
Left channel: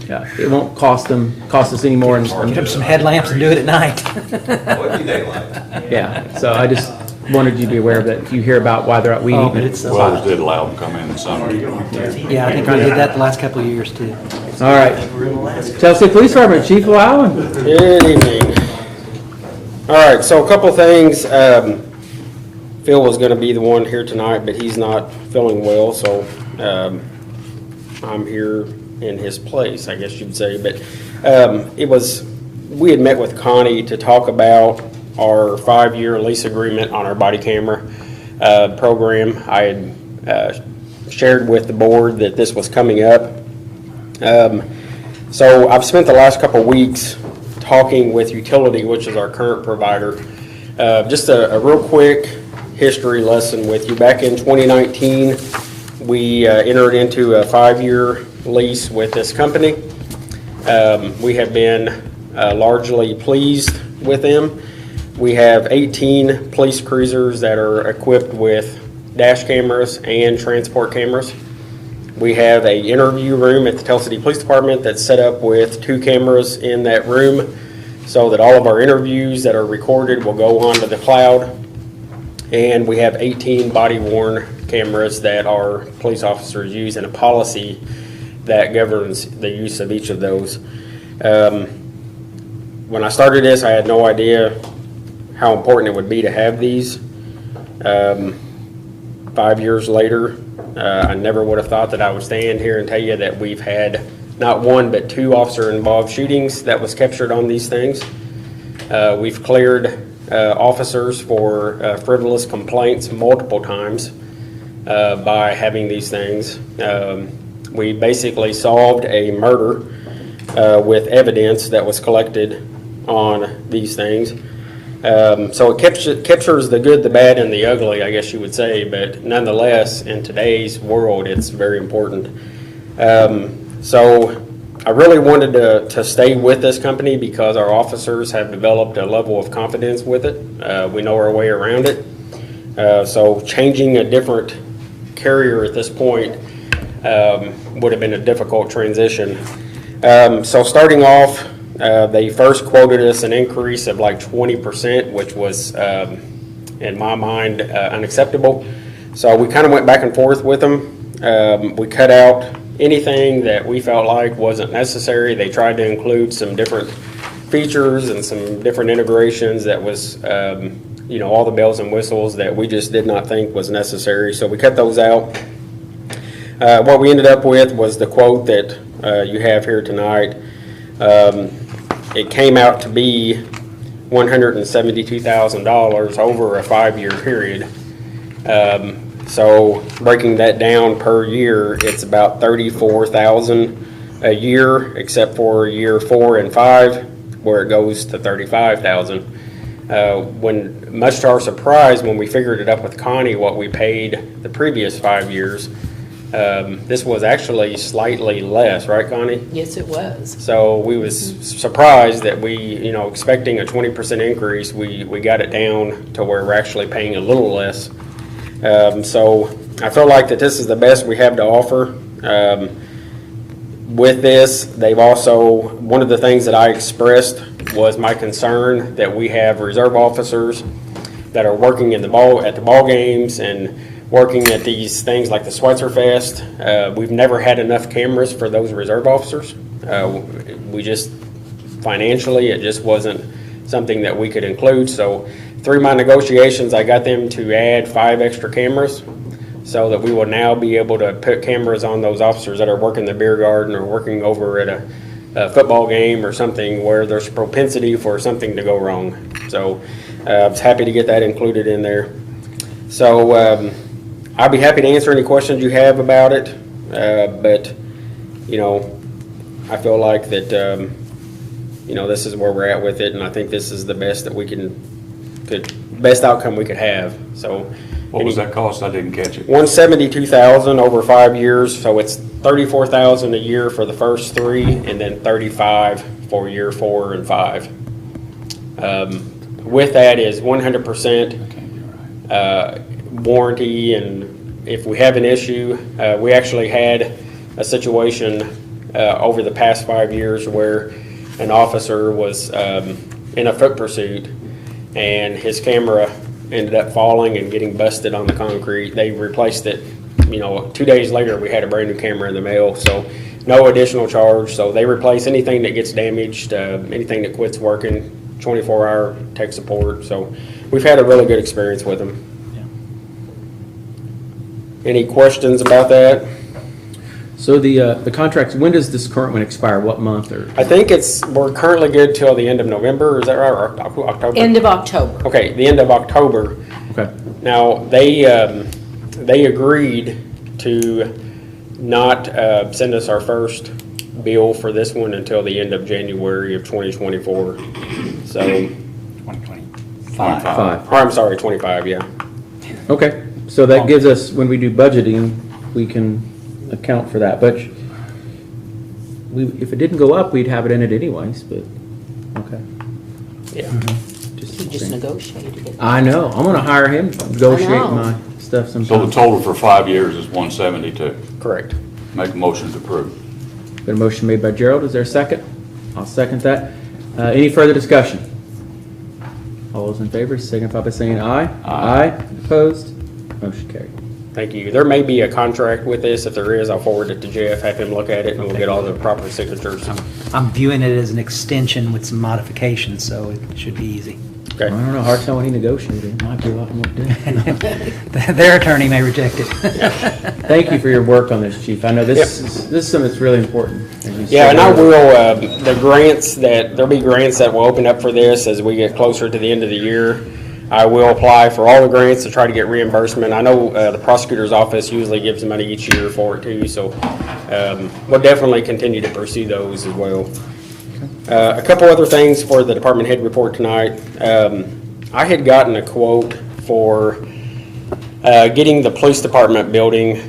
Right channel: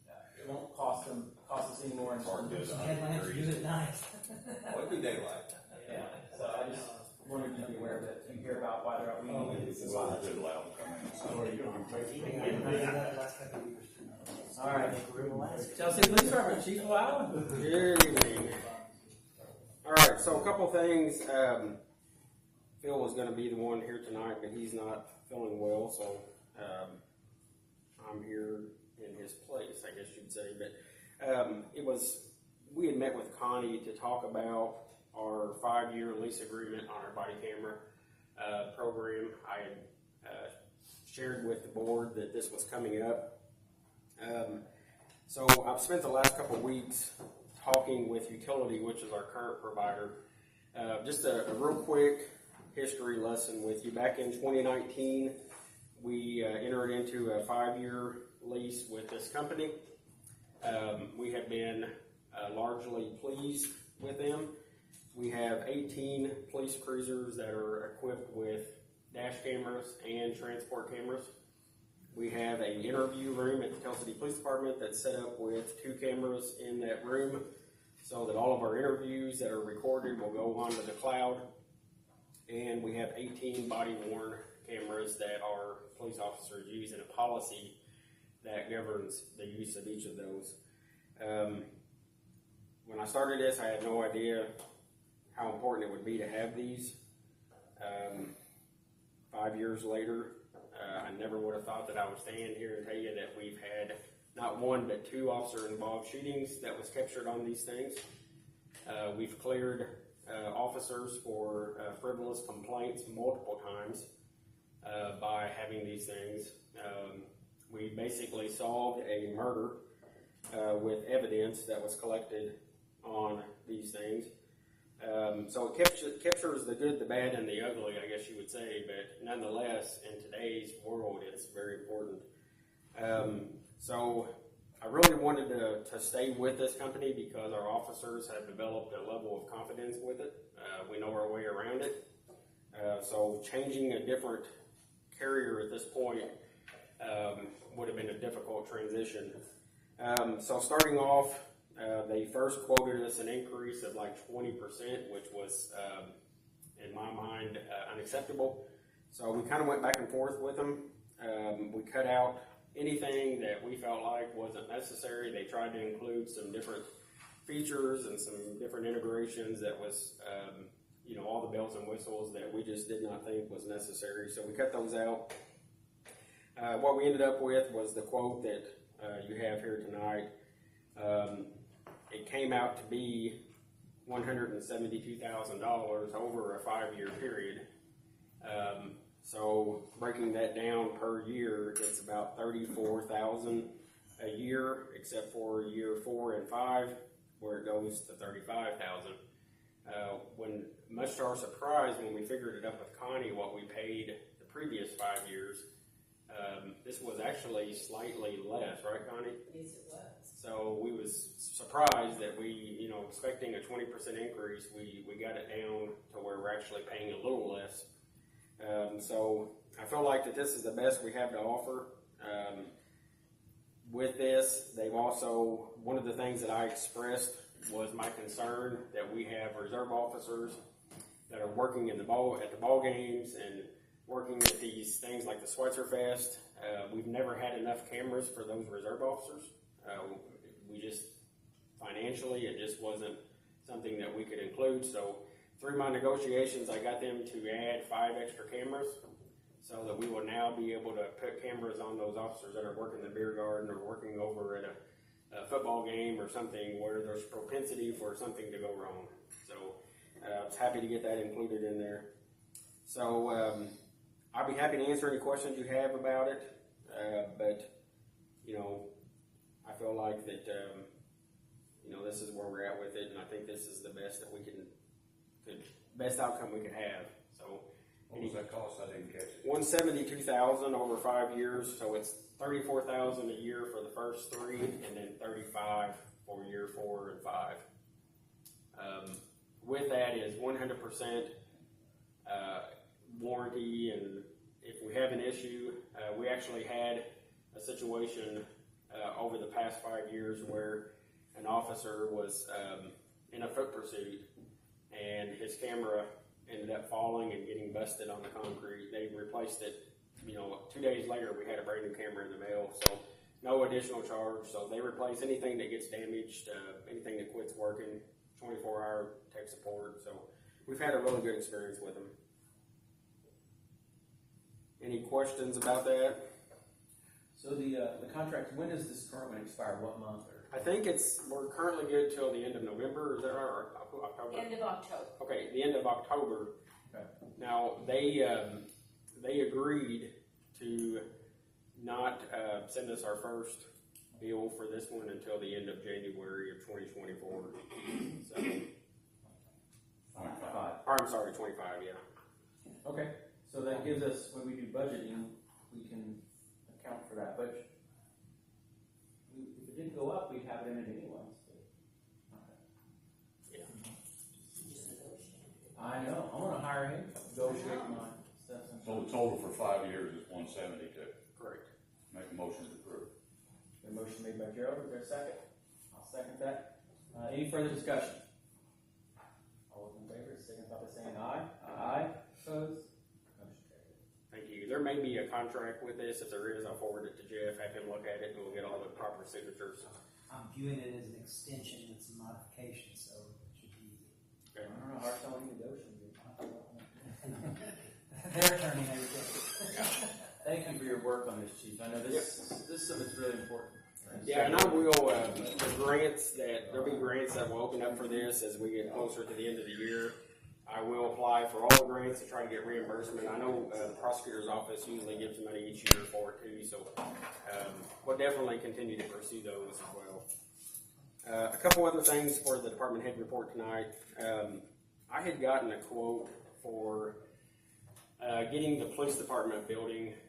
Yeah, it won't cost us any more. Get them some headlamps and do it at night. Well, it'd be daylight. Yeah, so I just wanted you to be aware of that. If you hear about why they're out weed Oh, eating. but it's, Wells did allow them to come in the summer. yeah, I think we did that the last couple of years too. All right. Chelsea Police Department, Chief Lowen. Good evening. All right, so a couple things. Phil was going to be the one here tonight, but he's not feeling well, so I'm here in his place, I guess you'd say. But we had met with Connie to talk about our 5-year lease agreement on our body camera program. I had shared with the board that this was coming up. So I've spent the last couple of weeks talking with Utility, which is our current provider. Just a real quick history lesson with you. Back in 2019, we entered into a 5-year lease with this company. We have been largely pleased with them. We have 18 police cruisers that are equipped with dash cameras and transport cameras. We have an interview room at the Tell City Police Department that's set up with 2 cameras in that room so that all of our interviews that are recorded will go onto the cloud. And we have 18 body-worn cameras that our police officers use, and a policy that governs the use of each of those. When I started this, I had no idea how important it would be to have these. 5 years later, I never would have thought that I would stand here and tell you that we've had not one but 2 officer-involved shootings that was captured on these things. We've cleared officers for frivolous complaints multiple times by having these things. We basically solved a murder with evidence that was collected on these things. So it captures the good, the bad, and the ugly, I guess you would say, but nonetheless, in today's world, it's very important. So I really wanted to stay with this company because our officers have developed a level of confidence with it. We know our way around it. So changing a different carrier at this point would have been a difficult transition. So starting off, they first quoted us an increase of like 20%, which was, in my mind, unacceptable. So we kind of went back and forth with them. We cut out anything that we felt like wasn't necessary. They tried to include some different features and some different integrations that was, all the bells and whistles that we just did not think was necessary. So we cut those out. What we ended up with was the quote that you have here tonight. It came out to be $172,000 over a 5-year period. So breaking that down per year, it's about $34,000 a year, except for year 4 and 5, where it goes to $35,000. When, much to our surprise, when we figured it up with Connie, what we paid the previous 5 years, this was actually slightly less, right, Connie? Yes, it was. So we was surprised that we, you know, expecting a 20% increase, we got it down to where we're actually paying a little less. So I feel like that this is the best we have to offer. With this, they've also, one of the things that I expressed was my concern that we have reserve officers that are working in at the ball games and working at these things like the Schweitzer Fest. We've never had enough cameras for those reserve officers. We just, financially, it just wasn't something that we could include. So through my negotiations, I got them to add 5 extra cameras so that we will now be able to put cameras on those officers that are working the beer garden or working over at a football game or something where there's propensity for something to go wrong. So I was happy to get that included in there. So I'll be happy to answer any questions you have about it, but, you know, I feel like that, you know, this is where we're at with it, and I think this is the best that we best outcome we could have, so. What was that cost? I didn't catch it. $172,000 over 5 years, so it's $34,000 a year for the first 3, and then $35,000 for year 4 and 5. With that is 100% warranty, and if we have an issue, we actually had a situation over the past 5 years where an officer was in a foot pursuit, and his camera ended up falling and getting busted on the concrete. They replaced it, you know, 2 days later we had a brand new camera in the mail, so no additional charge. So they replace anything that gets damaged, anything that quits working, 24-hour tech support. So we've had a really good experience with them. Any questions about that? So the contracts, when does this current one expire? What month or? I think we're currently good till the end of November, is that right, or October? End of October. Okay, the end of October. Okay. Now, they agreed to not send us our first bill for this one until the end of January of 2024. So, 2025. or I'm sorry, 25, yeah. Okay, so that gives us, when we do budgeting, we can account for that, but if it didn't go up, we'd have it in it anyways, but, okay. Yeah. He just negotiated it. I know, I'm gonna hire him to negotiate I know. my stuff So the sometime. total for 5 years is 172. Correct. Make a motion to approve. Got a motion made by Gerald, is there a second? I'll second that. Any further discussion? All those in favor signify by saying aye. Aye. Opposed? Motion carried. Thank you. There may be a contract with this. If there is, I'll forward it to Jeff, have him look at it, and we'll get all the proper signatures. I'm viewing it as an extension with some modifications, so it should be easy. I Okay. don't know, hard to tell when he negotiated, it might be a lot more difficult. Their attorney may reject it. Thank you for your work on this, Chief. I know this is something that's really important. as you Yeah, said and I earlier. will, there'll be grants that will open up for this as we get closer to the end of the year. I will apply for all the grants to try to get reimbursement. I know the prosecutor's office usually gives money each year for it too, so we'll definitely continue to pursue those as well. A couple other things for the department head report tonight. I had gotten a quote for getting the police department building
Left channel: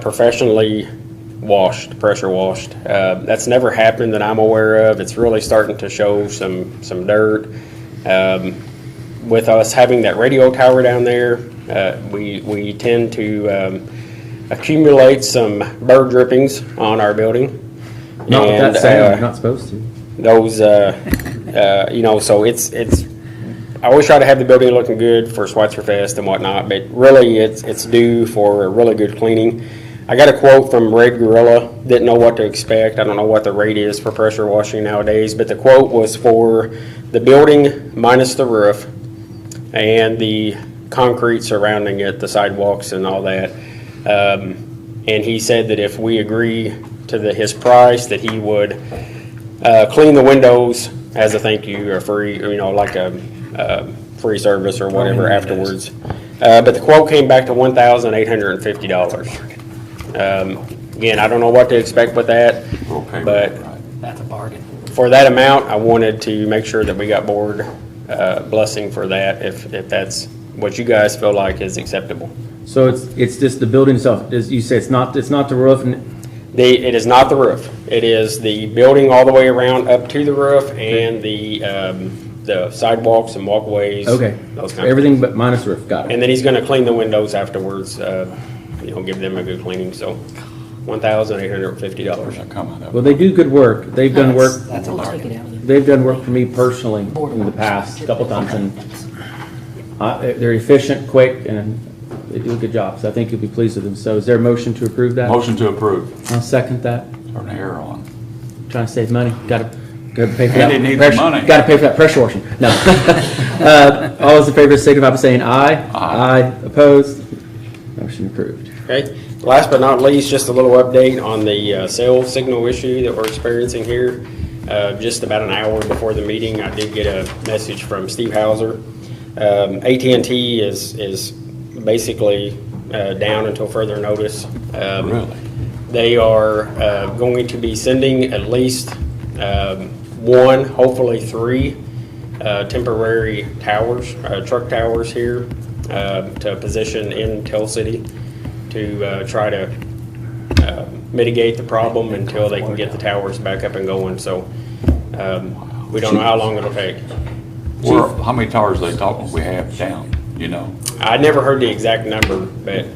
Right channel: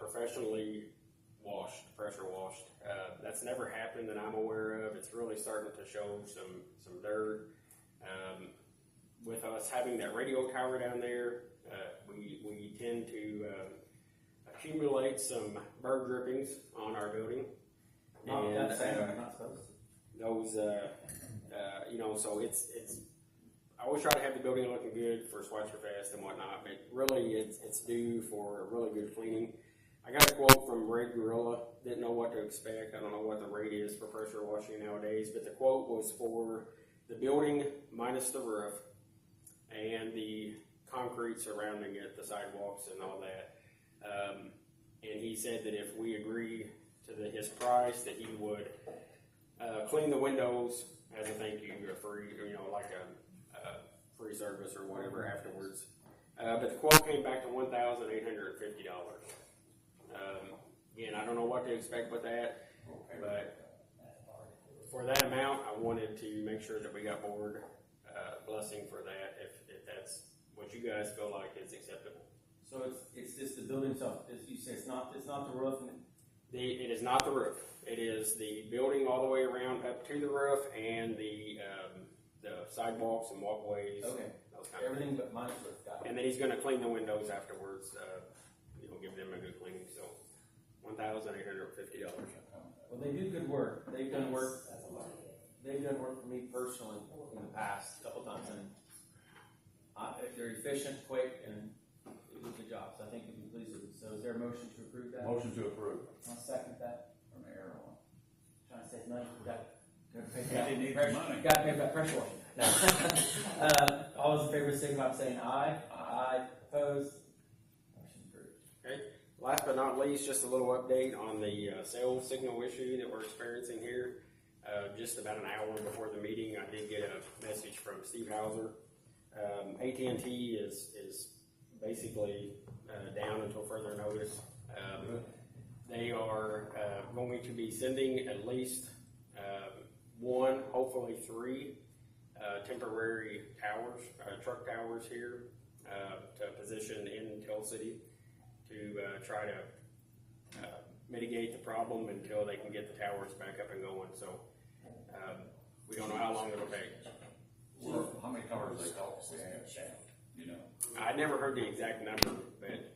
professionally washed, pressure washed. That's never happened that I'm aware of. It's really starting to show some dirt. With us having that radio tower down there, we tend to accumulate some bird drippings on our building. Not with that And, sound, you're not supposed to. those, you know, so it's, I always try to have the building looking good for Schweitzer Fest and whatnot, but really it's due for a really good cleaning. I got a quote from Red Gorilla, didn't know what to expect. I don't know what the rate is for pressure washing nowadays, but the quote was for the building minus the roof and the concrete surrounding it, the sidewalks and all that. And he said that if we agree to his price, that he would clean the windows as a thank you, or free, you know, like a free service or whatever afterwards. But the quote came back to $1,850. Again, I don't know what to expect with that, Okay. but That's a bargain. for that amount, I wanted to make sure that we got board blessing for that, if that's what you guys feel like is acceptable. So it's just the building itself, as you say, it's not the roof, and It is not the roof. It is the building all the way around up to the roof and the sidewalks and walkways. okay, Those kind of everything but minus roof, got it. And then he's gonna clean the windows afterwards, give them a good cleaning, so $1,850. That come out of. Well, they do good work, they've done work, We'll take it out. they've done work for me personally in the past, a couple times, and they're efficient, quick, and they do a good job, so I think you'll be pleased with them. So is there a motion to approve that? Motion to approve. I'll second that. Turn the air on. Trying to save money, gotta pay for Andy that. needs pressure- money. Gotta pay for that pressure washing, no. All those in favor signify by saying aye. Aye. Opposed? Motion approved. Okay, last but not least, just a little update on the cell signal issue that we're experiencing here. Just about an hour before the meeting, I did get a message from Steve Hauser. AT&T is basically down until further notice. Really? They are going to be sending at least one, hopefully three, temporary towers, truck towers here to position in Tell City to try to mitigate the problem until they can get the towers back up and going. So we don't know how long it'll take. How many towers they talking we have down, you know? I never heard the exact number, but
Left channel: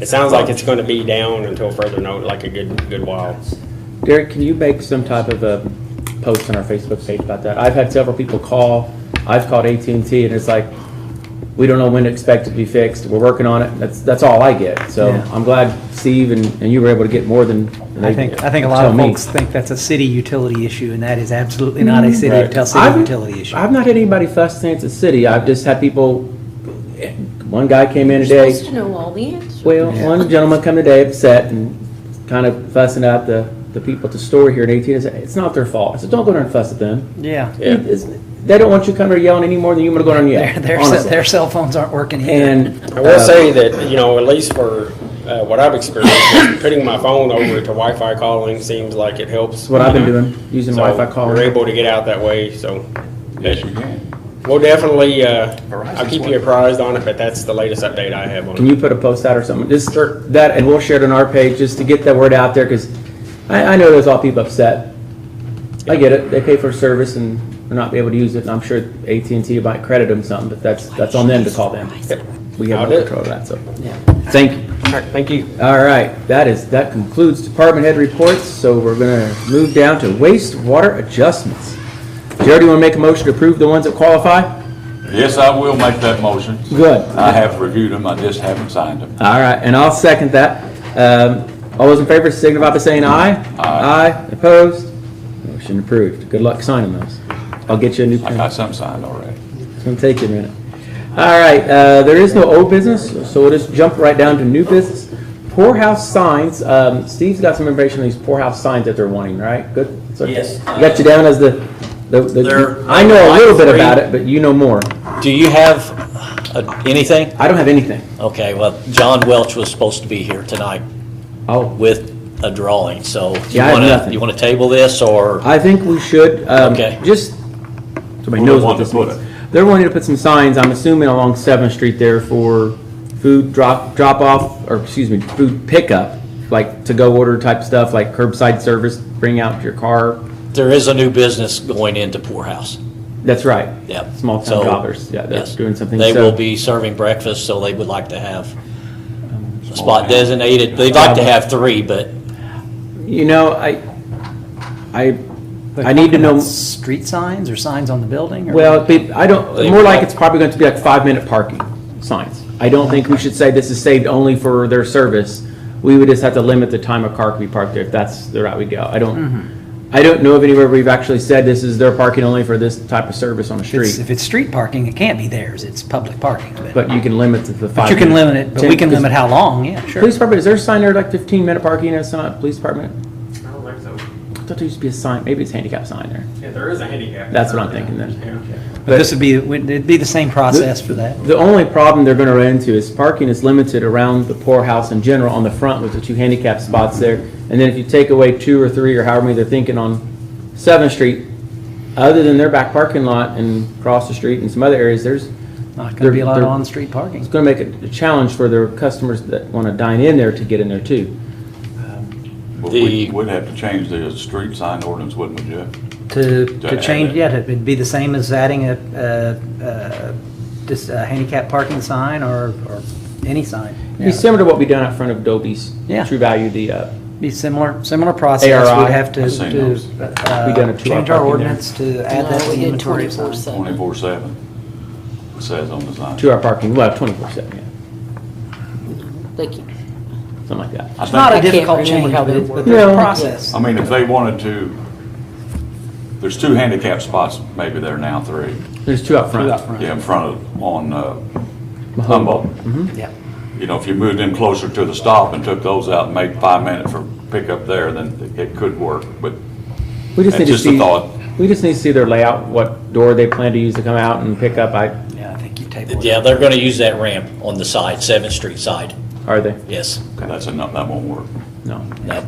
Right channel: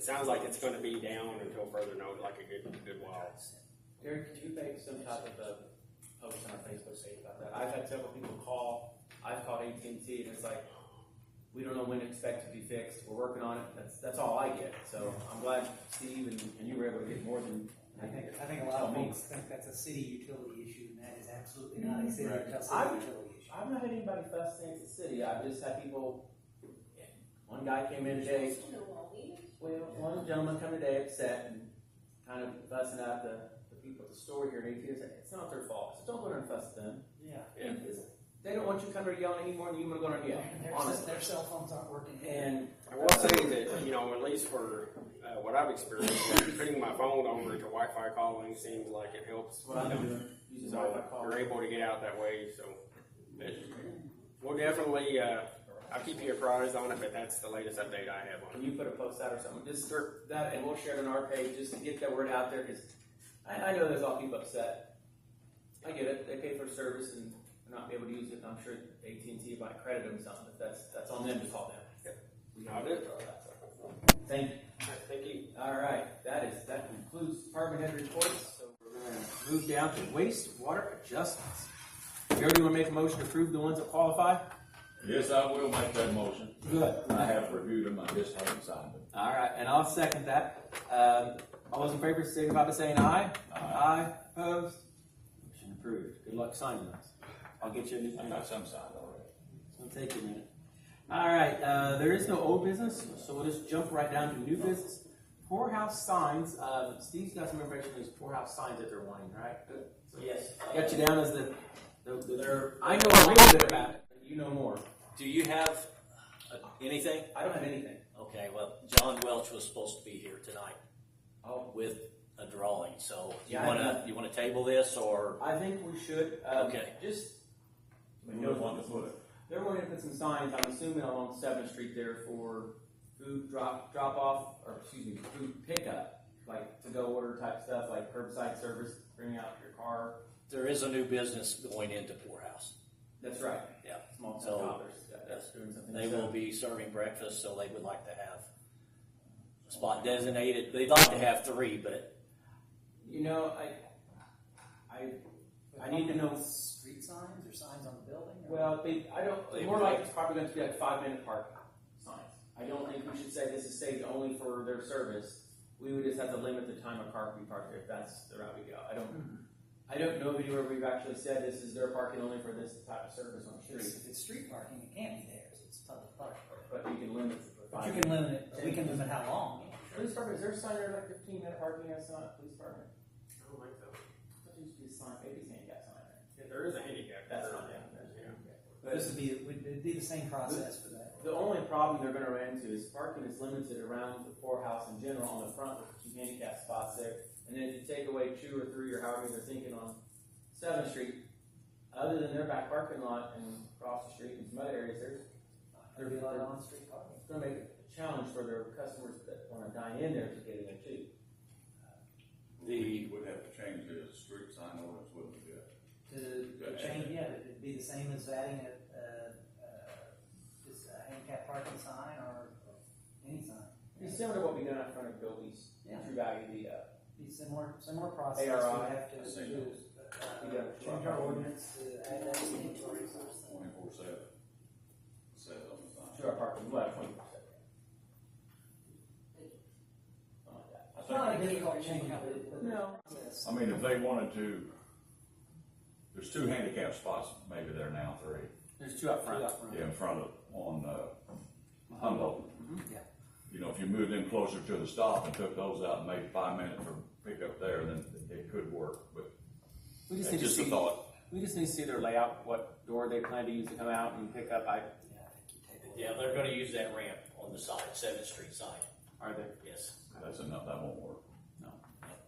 it sounds like it's going to be down until further notice, like a good while. Derek, can you make some type of a post on our Facebook page about that? I've had several people call, I've called AT&T, and it's like, we don't know when to expect it to be fixed, we're working on it, that's all I get. So Yeah. I'm glad Steve and you were able to get more than I they think a lot tell of me. folks think that's a city utility issue, and that is absolutely not a city of Tell City I've- utility issue. I've not had anybody fuss saying it's a city, I've just had people, one guy came in You're today. supposed to know all the answers. Well, one gentleman come today upset and kind of fussing at the people at the store here in 18. I said, it's not their fault. I said, don't go there and fuss at them. Yeah. They don't want you coming there yelling any more than you want to go there and yell. honestly. Their cell phones aren't working either. And I will say that, at least for what I've experienced, putting my phone over to Wi-Fi calling seems like it helps. that's what I've been doing, using So Wi-Fi calling. we're able to get out that way, so. Yes, you can. We'll definitely, I'll keep you apprised on it, but that's the latest update I have on Can it. you put a post out or something? Just that, and we'll share it on our page just to get that word out there, because I know there's all people upset. I get it. They pay for service and will not be able to use it, and I'm sure AT&T might credit them something, but that's on them to call them. We have I'll no do it. control of that, so. Thank you. All right, thank you. All right, that concludes department head reports, so we're gonna move down to wastewater adjustments. Jared, you wanna make a motion to approve the ones that qualify? Yes, I will make that motion. Good. I have reviewed them, I just haven't signed them. All right, and I'll second that. All those in favor signify by saying aye. Aye. Opposed? Motion approved. Good luck signing those. I'll get you a new I pen. got some signed already. It's gonna take you a minute. All right, there is no old business, so we'll just jump right down to new business. Poorhouse signs, Steve's got some information on these poorhouse signs that they're wanting, right? Good? So Yes. I got you down as the, They're- I know a little bit about it, but you know more. Do you have anything? I don't have anything. Okay, well, John Welch was supposed to be here tonight Oh, with a drawing, so Yeah, I have nothing. you want to table this, or? I think we should, Okay. just, somebody Where knows they what want to this put means. it. They're wanting to put some signs, I'm assuming along 7th Street there for food drop off, or excuse me, food pickup, like to-go order type stuff, like curbside service, bring out your car. There is a new business going into Poorhouse. That's right. Yep. Small town So, jobbers, yeah, they're yes. doing something. They So- will be serving breakfast, so they would like to have a spot designated. They'd like to have 3, but You know, I They're need to talking know, about street signs or signs on the building? Or well, I don't, They- more like it's probably going to be like 5-minute parking signs. I don't think we should say this is saved only for their service. We would just have to limit the time a car can be parked there, if that's the route we go. I don't know of anywhere we've actually said this is their parking only for this type of service on the street, If it's street parking, it can't be theirs, it's public parking. but you can limit to the 5 But you can minutes. limit it, but we can limit how long, yeah, sure. Police department, is there a sign there like 15-minute parking at some police department? I don't think so. I thought there used to be a sign, maybe it's handicap sign there. Yeah, there is a handicap. That's what I'm thinking then. But this would be, it'd be the same process for that. The only problem they're gonna run into is parking is limited around the poorhouse in general on the front with the 2 handicap spots there. And then if you take away 2 or 3 or however many they're thinking on 7th Street, other than their back parking lot and across the street and some other areas, there's, Not gonna be a lot of They're- on-street parking. it's gonna make it a challenge for their customers that wanna dine in there to get in there too. But The- we'd have to change the street sign ordinance, wouldn't we, Jeff? To add change, it. yeah, it'd be the same as adding just a handicap parking sign or any sign. It'd be similar to what we done out front of Dobie's. Yeah. True Value, the, Be similar process. ARI. We'd have to, I've seen to, those. We done a 2-hour change our parking there. ordinance to add No, that to we the did inventory of signs. 24/7. 24/7, it says on the sign. 2-hour parking, well, 24/7, yeah, Thank you. something like that. I It's not a think- can't difficult remember change, how but they it's- work. but there's a No. process. I mean, if they wanted to, there's 2 handicap spots, maybe there now, 3. There's 2 out front. Yeah, in front of, on Humboldt. Yeah. You know, if you moved in closer to the stop and took those out and made 5 minutes for pickup there, then it could work, but We just need that's to just a see, thought. we just need to see their layout, what door they plan to use to come out and pick up. Yeah, I think you table it. Yeah, they're gonna use that ramp on the side, 7th Street side. Are they? Yes. That's enough, that won't work. No. No.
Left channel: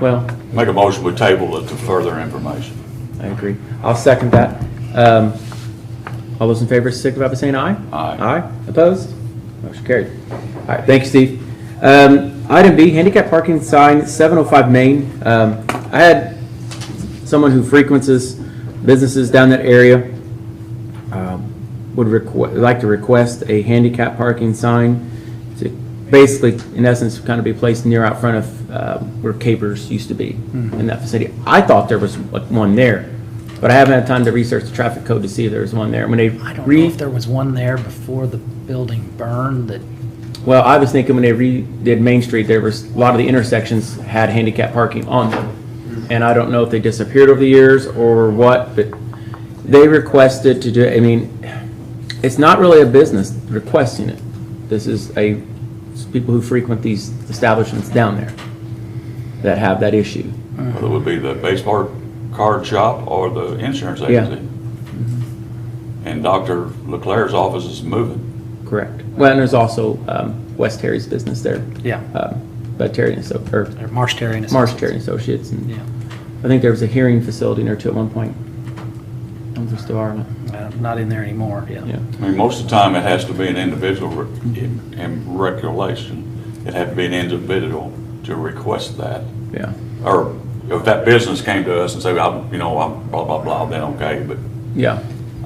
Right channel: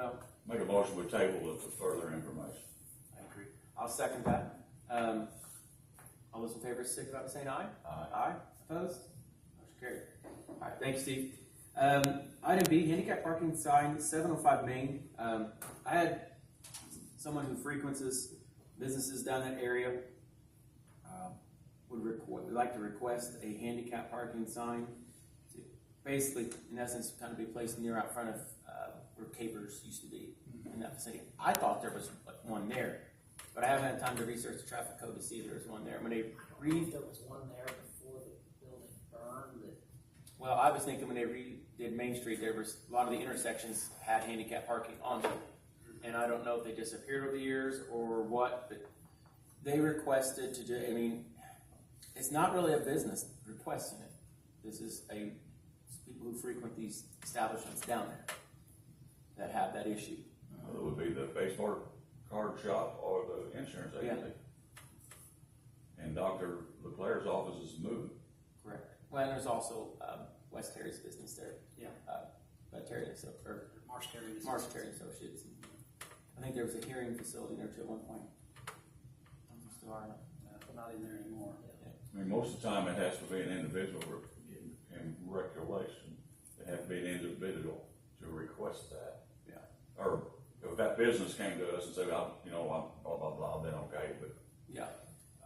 Well, Make a motion, we table it to further information. I agree. I'll second that. All those in favor, signify by saying aye. Aye. Aye. Opposed? Motion carried. All right, thank you, Steve. Item B, handicap parking sign, 705 Main. I had someone who frequents businesses down that area, would like to request a handicap parking sign to basically, in essence, kind of be placed near out front of where Capers used to be in that vicinity. I thought there was one there, but I haven't had time to research the traffic code to see if there's one there. When they I don't know if there was one there before the building burned that, Well, I was thinking when they redid Main Street, there was, a lot of the intersections had handicap parking on them. And I don't know if they disappeared over the years or what, but they requested to do, I mean, it's not really a business requesting it. This is it's people who frequent these establishments down there that have that issue. Whether it would be the baseball card shop or the insurance Yeah. agency. And Dr. Leclerc's office is moving. Correct. Well, and there's also West Terry's business there. Yeah. But Terry and or Marsh Terry and Marsh Associates. Terry and Associates. And Yeah. I think there was a hearing facility in there too at one point. I don't know if there still are. or not. Not in there anymore, yeah. Yeah. I mean, most of the time, it has to be an individual in regulation. It had to be an individual to request that. Yeah. Or if that business came to us and said, I'm blah, blah, blah, then okay, but Yeah.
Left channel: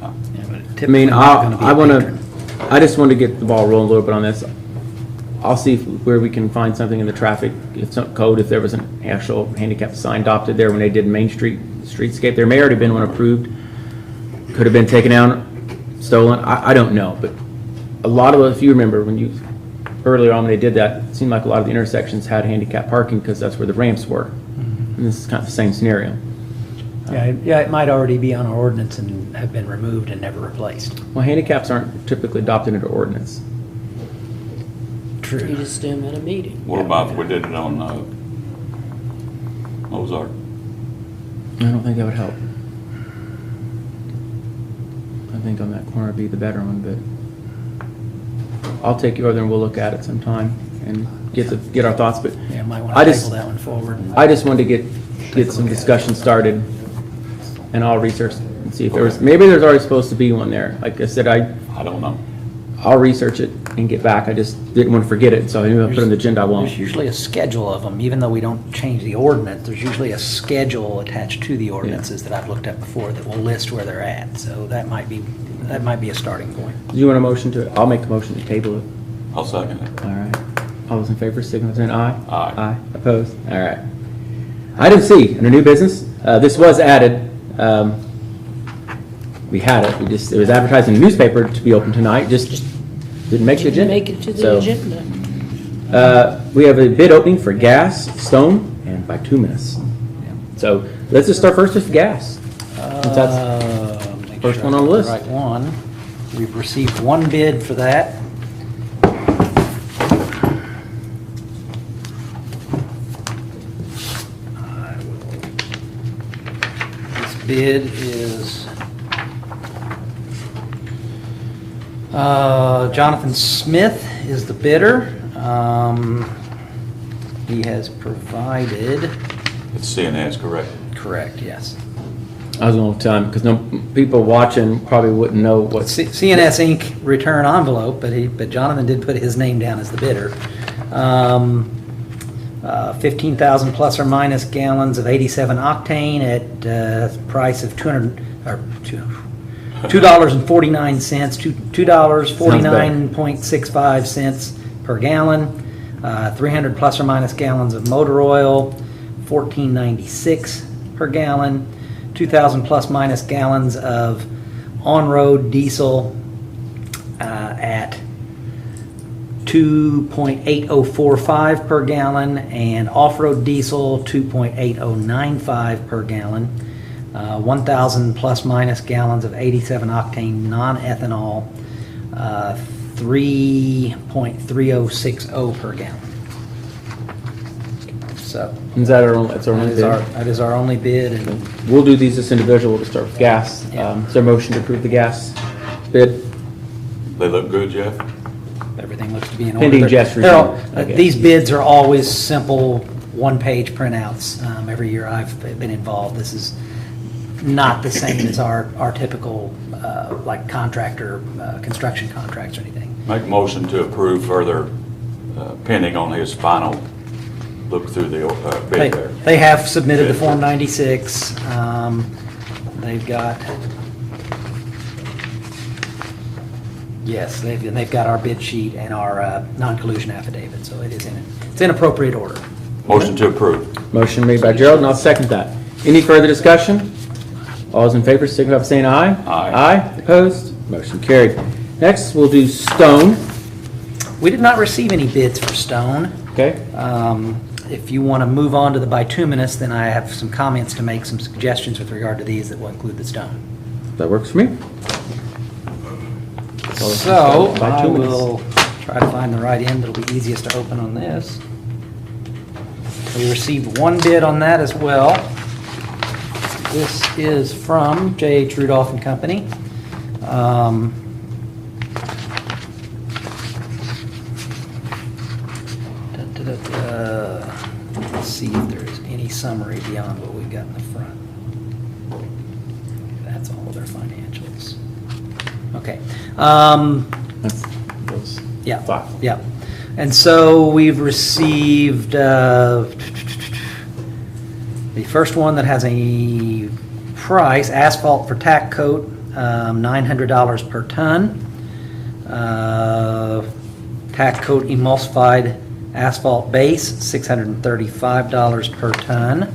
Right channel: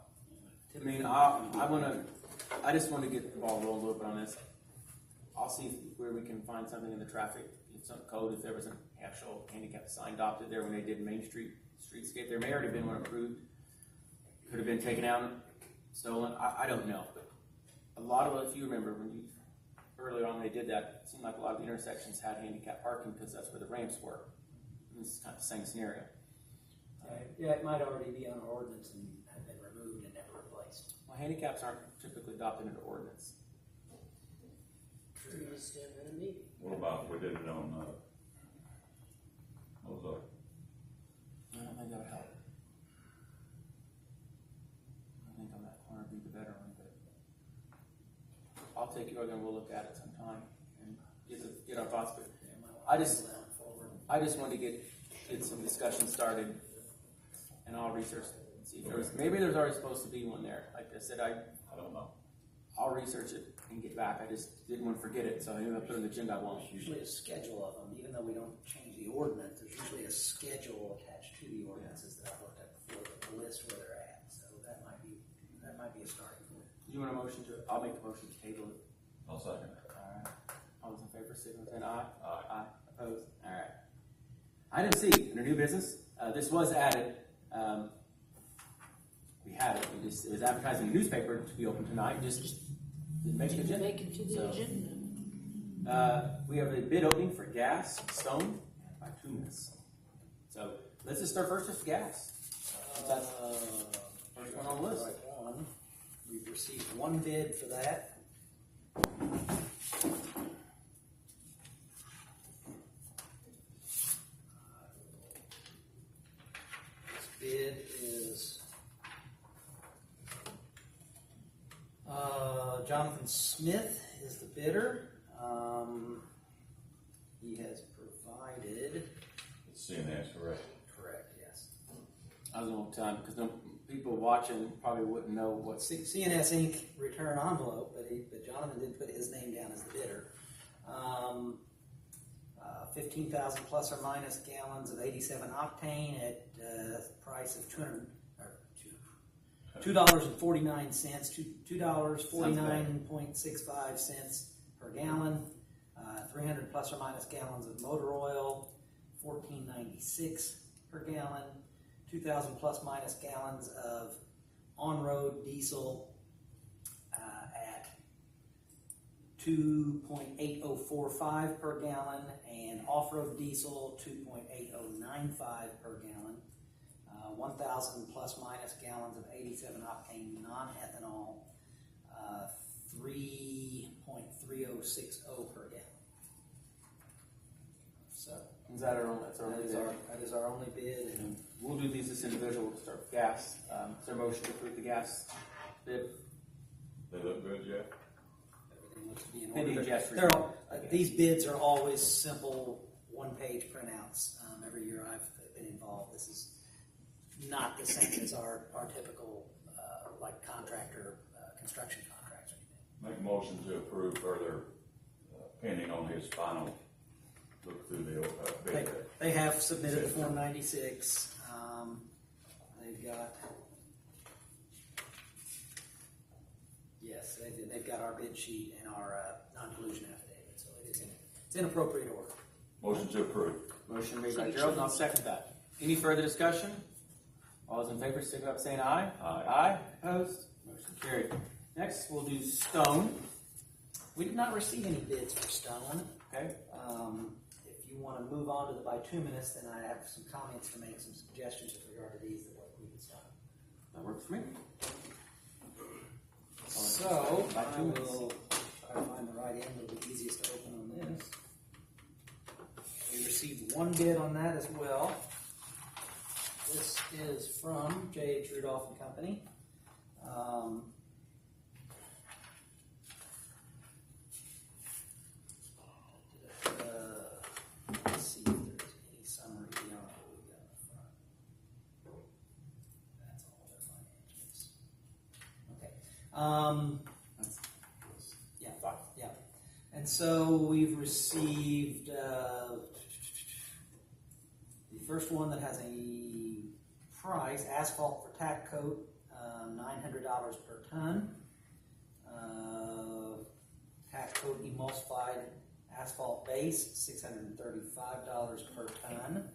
Yeah, but I typically mean, not gonna be I a want patron. to, I just want to get the ball rolling a little bit on this. I'll see where we can find something in the traffic, if some code, if there was an actual handicap sign adopted there when they did Main Street streetscape. There may already been one approved. Could have been taken out, stolen. I don't know, but a lot of, if you remember earlier on when they did that, it seemed like a lot of the intersections had handicap parking because that's where the ramps were. And this is kind of the same scenario. Yeah, it might already be on our ordinance and have been removed and never replaced. Well, handicaps aren't typically adopted into ordinance. You True. just do them at a meeting. what about if we did it on Ozark? I don't think that would help. I think on that corner would be the better one, but I'll take you over there and we'll look at it sometime and get our thoughts, but Yeah, might want I to just- table that one forward. I just wanted to get some discussion started, and I'll research and see if maybe there's already supposed to be one there. Like I said, I don't know. I'll research it and get back. I just didn't want to forget it, so I knew I put it on the agenda, I won't. There's usually a schedule of them, even though we don't change the ordinance, there's usually a schedule attached to the ordinances that I've looked at before that will list where they're at. So that might be a starting point. Do you want a motion to, I'll make a motion to table it. I'll second it. All right. All those in favor, signify by saying aye. Aye. Aye. Opposed? All right. Item C, under new business, this was added. We had it, it was advertised in the newspaper to be open tonight, just didn't make the Didn't agenda. make it to the So, agenda. We have a bid opening for gas, stone, and bituminous. So let's just start first with gas. Since that's Make first sure one I on the got list. Right one. We've received one bid for that. This bid is Jonathan Smith is the bidder. He has provided, It's CNS, correct? correct, yes. I was gonna tell him, because no, people watching probably wouldn't know what. CNS Inc. return envelope, but Jonathan did put his name down as the bidder. 15,000 plus or minus gallons of 87 octane at price of $2.49, $2.49.65 per gallon. 300 plus or minus gallons of motor oil, $14.96 per gallon. 2,000 plus minus gallons of on-road diesel at 2.8045 per gallon, and off-road diesel 2.8095 per gallon. 1,000 plus minus gallons of 87 octane non-ethanol, 3.3060 per gallon. So Is that our only, that's our only bid? that is our only bid, and We'll do these just individual, we'll start with gas. Is there a motion to approve the gas bid? They look good, Jeff? everything looks to be in order. Pending Jeff's They're all- review. Okay. These bids are always simple, one-page printouts. Every year I've been involved, this is not the same as our typical, like contractor, construction contracts or anything. Make motion to approve further pending on his final look through the bid there. They have submitted the Form 96. They've got, yes, they've got our bid sheet and our non-collusion affidavit, so it's in appropriate order. Motion to approve. Motion made by Gerald, and I'll second that. Any further discussion? All those in favor, signify by saying aye. Aye. Aye, opposed, motion carried. Next, we'll do stone, We did not receive any bids for stone. okay? If you want to move on to the bituminous, then I have some comments to make, some suggestions with regard to these that will include the stone. That works for me. So I Bituminous. will try to find the right end that'll be easiest to open on this. We received one bid on that as well. This is from J.H. Rudolph and Company. Let's see if there's any summary beyond what we've got in the front. That's all of their financials. Okay. That's those Yeah, five. yeah. And so we've received the first one that has a price, asphalt for tack coat, $900 per ton. Tack coat emulsified asphalt base, $635 per ton.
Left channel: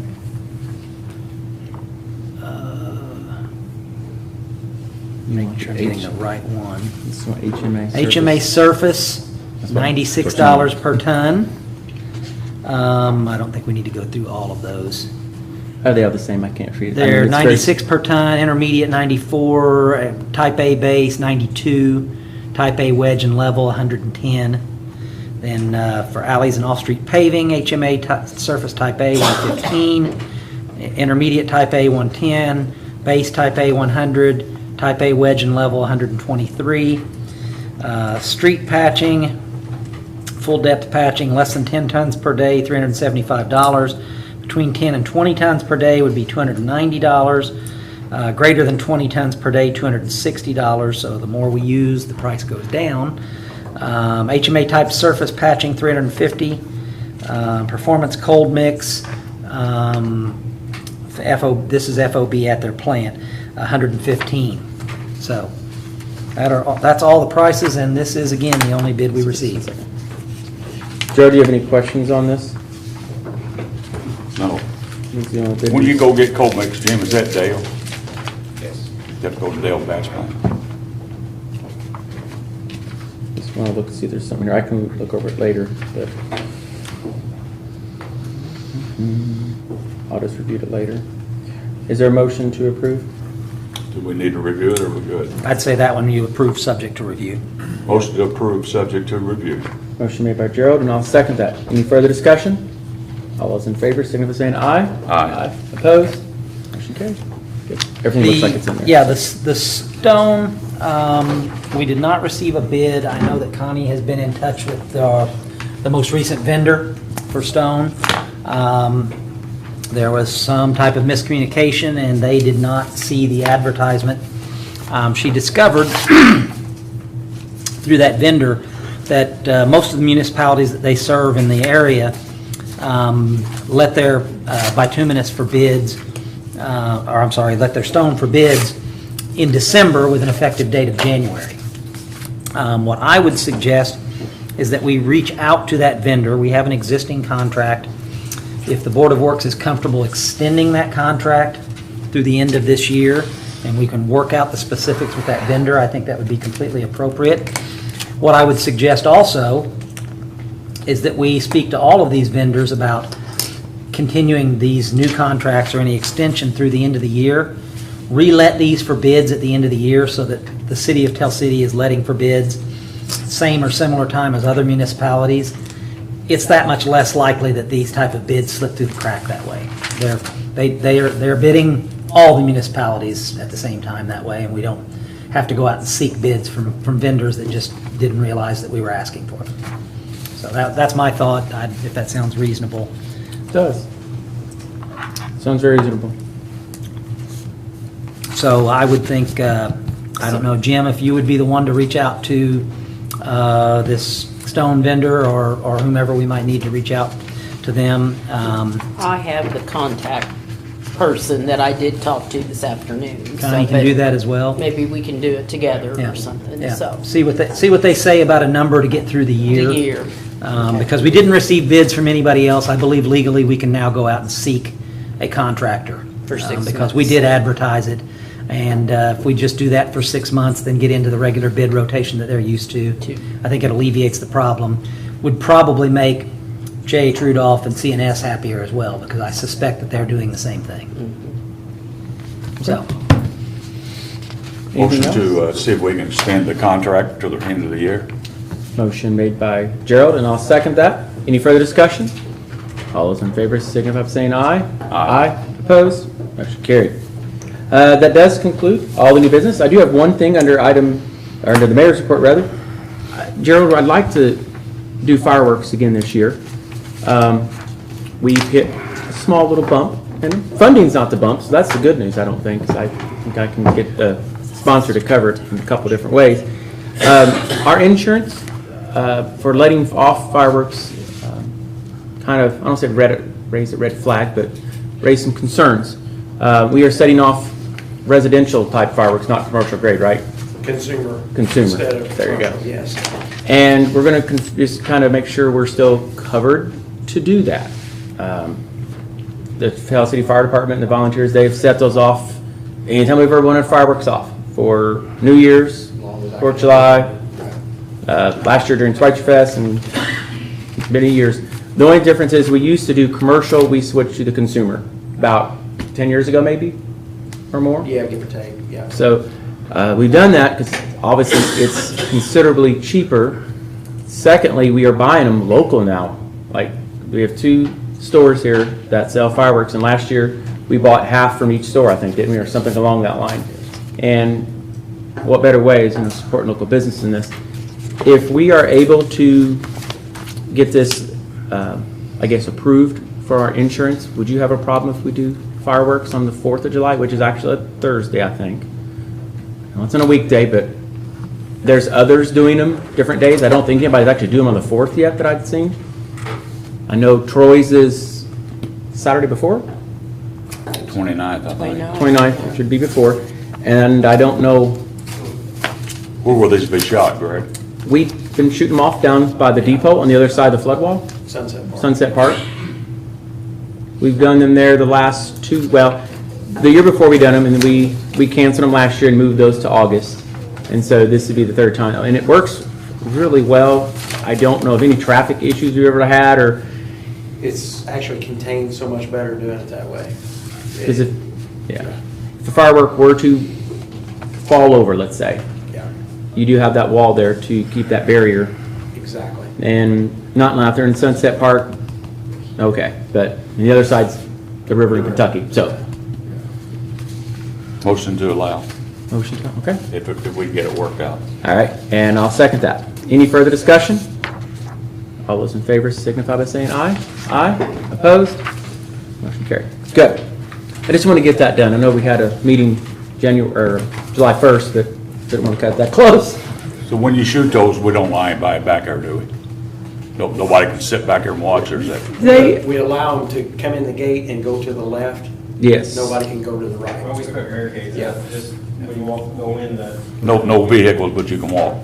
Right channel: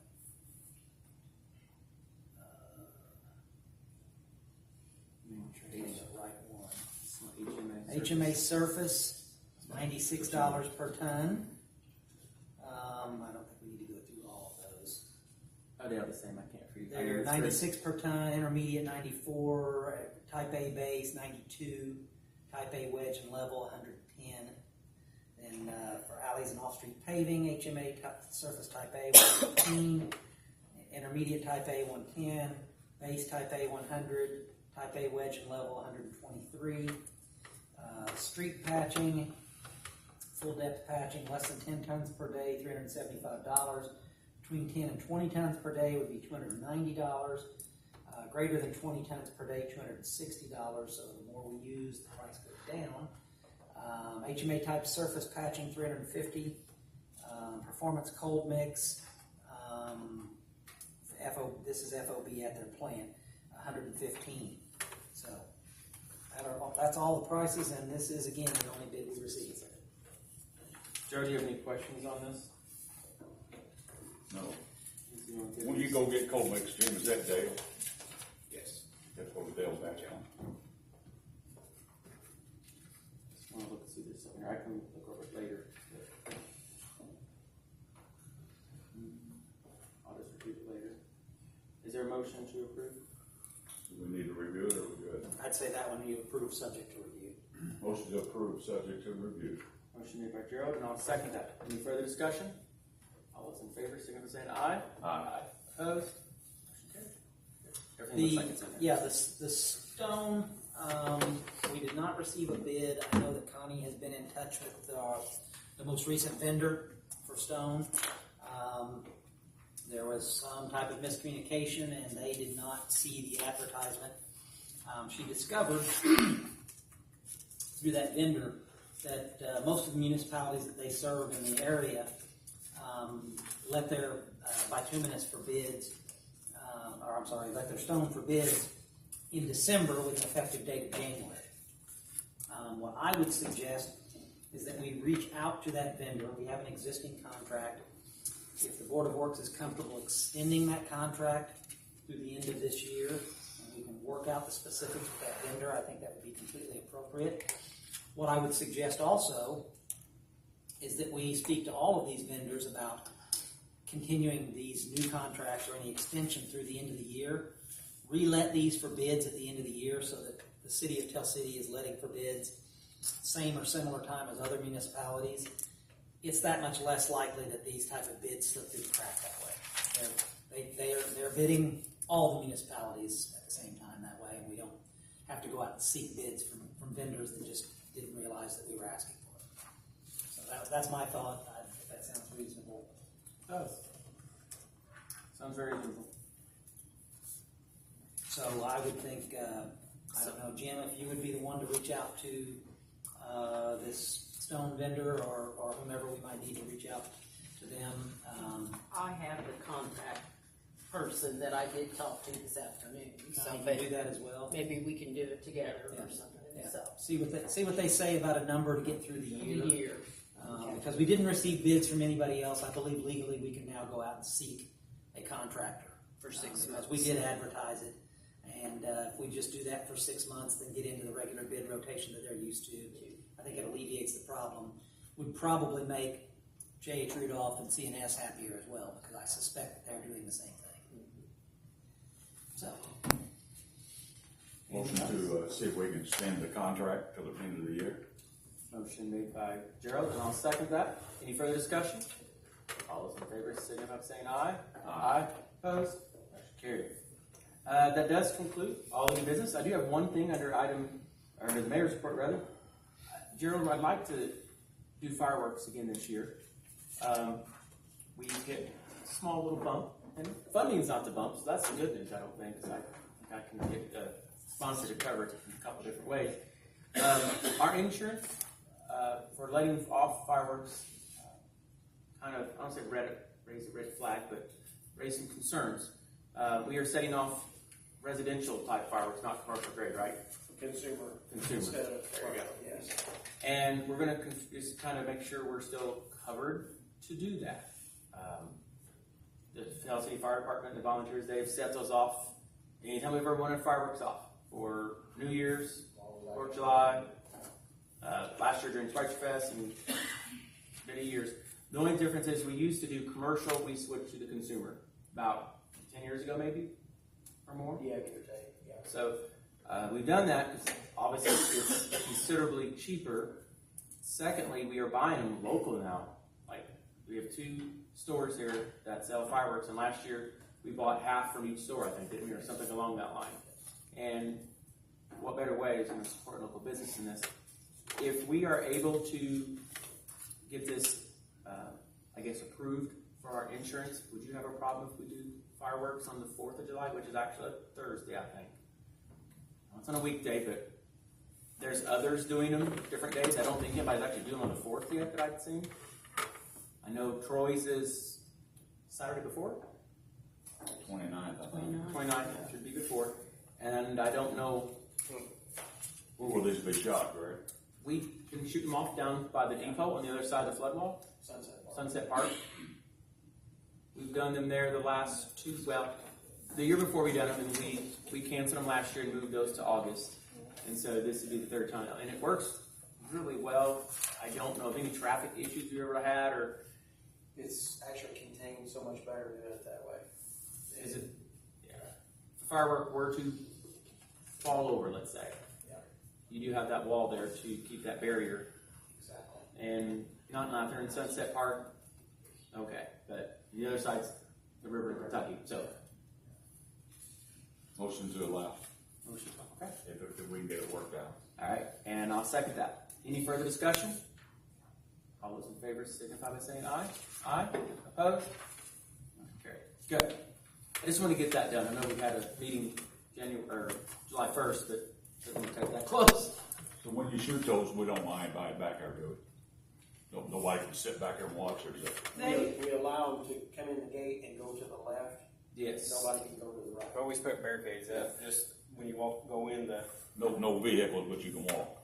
Making sure I'm getting the right one. This is what HMA. HMA surface, $96 per ton. I don't think we need to go through all of those. Are they all the same? I can't read it. I mean, They're it's very- 96 per ton, intermediate 94, type A base 92, type A wedge and level 110. Then for alleys and off-street paving, HMA surface type A 115, intermediate type A 110, base type A 100, type A wedge and level 123. Street patching, full depth patching, less than 10 tons per day, $375. Between 10 and 20 tons per day would be $290. Greater than 20 tons per day, $260. So the more we use, the price goes down. HMA type surface patching, $350. Performance cold mix, this is FOB at their plant, $115. So that's all the prices, and this is, again, the only bid we received. Joe, do you have any questions on this? No. This is the only bid When we- you go get cold mix, Jim, is that Dale? Yes. You have to go to Dale batch plant. Just want to look, see if there's something here. I can look over it later, but. I'll just review it later. Is there a motion to approve? Do we need to review it or we good? I'd say that one you approve subject to review. Motion to approve, subject to review. Motion made by Gerald, and I'll second that. Any further discussion? All those in favor, signify by saying aye. Aye. Opposed? Motion carries. Good. Everything looks like it's in there. Yeah, the stone, we did not receive a bid. I know that Connie has been in touch with the most recent vendor for stone. there was some type of miscommunication, and they did not see the advertisement. She discovered through that vendor that most of the municipalities that they serve in the area let their bituminous for bids, or I'm sorry, let their stone for bids in December with an effective date of January. What I would suggest is that we reach out to that vendor. We have an existing contract. If the Board of Works is comfortable extending that contract through the end of this year, and we can work out the specifics with that vendor, I think that would be completely appropriate. What I would suggest also is that we speak to all of these vendors about continuing these new contracts or any extension through the end of the year. Relet these for bids at the end of the year so that the city of Tell City is letting for bids same or similar time as other municipalities. It's that much less likely that these type of bids slip through the crack that way. They're bidding all the municipalities at the same time that way, and we don't have to go out and seek bids from vendors that just didn't realize that we were asking for them. So that's my thought, if that sounds reasonable. It does. Sounds very reasonable. So I would think, I don't know, Jim, if you would be the one to reach out to this stone vendor or whomever we might need to reach out to them. I have the contact person that I did talk to this afternoon. Connie can do that as well. Maybe we can do it together Yeah. or something, Yeah. so. See what they say about a number to get through the year. The year. Because we didn't receive bids from anybody else, I believe legally we can now go out and seek a contractor. For 6 Because we months. did advertise it. And if we just do that for 6 months, then get into the regular bid rotation that they're used to, I think it alleviates the problem. Would probably make J.H. Rudolph and CNS happier as well, because I suspect that they're doing the same thing. So, Motion Anything to see if we can extend the contract to the end of the year. Motion made by Gerald, and I'll second that. Any further discussion? All those in favor signify by saying aye. Aye. Opposed? Motion carried. That does conclude all the new business. I do have one thing under the mayor's report, rather. Gerald, I'd like to do fireworks again this year. We've hit a small little bump, and funding's not the bump, so that's the good news, I don't think, 'cause I think I can get a sponsor to cover it in a couple different ways. Our insurance for letting off fireworks kind of, I don't say raise a red flag, but raise some concerns. We are setting off residential type fireworks, not commercial grade, right? Consumer. Consumer. Instead of There you go. commercial, yes. And we're going to just kind of make sure we're still covered to do that. The Tell City Fire Department and the volunteers, they've set those off anytime we've ever wanted fireworks off. For New Year's, 4th of July, last year during Schweitzer Fest, and many years. The only difference is we used to do commercial, we switched to the consumer about 10 years ago maybe, or more. Yeah, give or take, yeah. So we've done that because obviously it's considerably cheaper. Secondly, we are buying them local now. Like, we have 2 stores here that sell fireworks, and last year we bought half from each store, I think, didn't we, or something along that line. And what better way is supporting local business in this? If we are able to get this, I guess, approved for our insurance, would you have a problem if we do fireworks on the 4th of July, which is actually a Thursday, I think? Well, it's on a weekday, but there's others doing them different days. I don't think anybody's actually doing them on the 4th yet that I've seen. I know Troy's is Saturday before, 29th, I think. 29th should be before, and I don't know, Where will these be shot, Greg? we've been shooting them off down by the depot on the other side of the flood wall, Sunset Park. Sunset Park. We've done them there the last 2, well, the year before we done them, and we canceled them last year and moved those to August. And so this would be the 3rd time, and it works really well. I don't know of any traffic issues we've ever had, or It's actually contained so much better doing it that way. is it, yeah. If the firework were to fall over, let's say, Yeah, you do have that wall there to keep that barrier, exactly. and not out there in Sunset Park, okay, but the other side's the river in Kentucky, so. Motion to allow, Motion, okay. if we can get it worked out. All right, and I'll second that. Any further discussion? All those in favor signify by saying aye. Aye. Opposed? Motion Okay, good. I just want to get that done. I know we had a meeting or July 1st, but didn't want to cut that close. So when you shoot those, we don't lie by back there, do we? Nobody can sit back there and watch, or is that? We allow them to come in the gate and go to the left. Yes. Nobody can go to the right. Well, we put barricades up, just when you walk, go in the. No vehicles, but you can walk.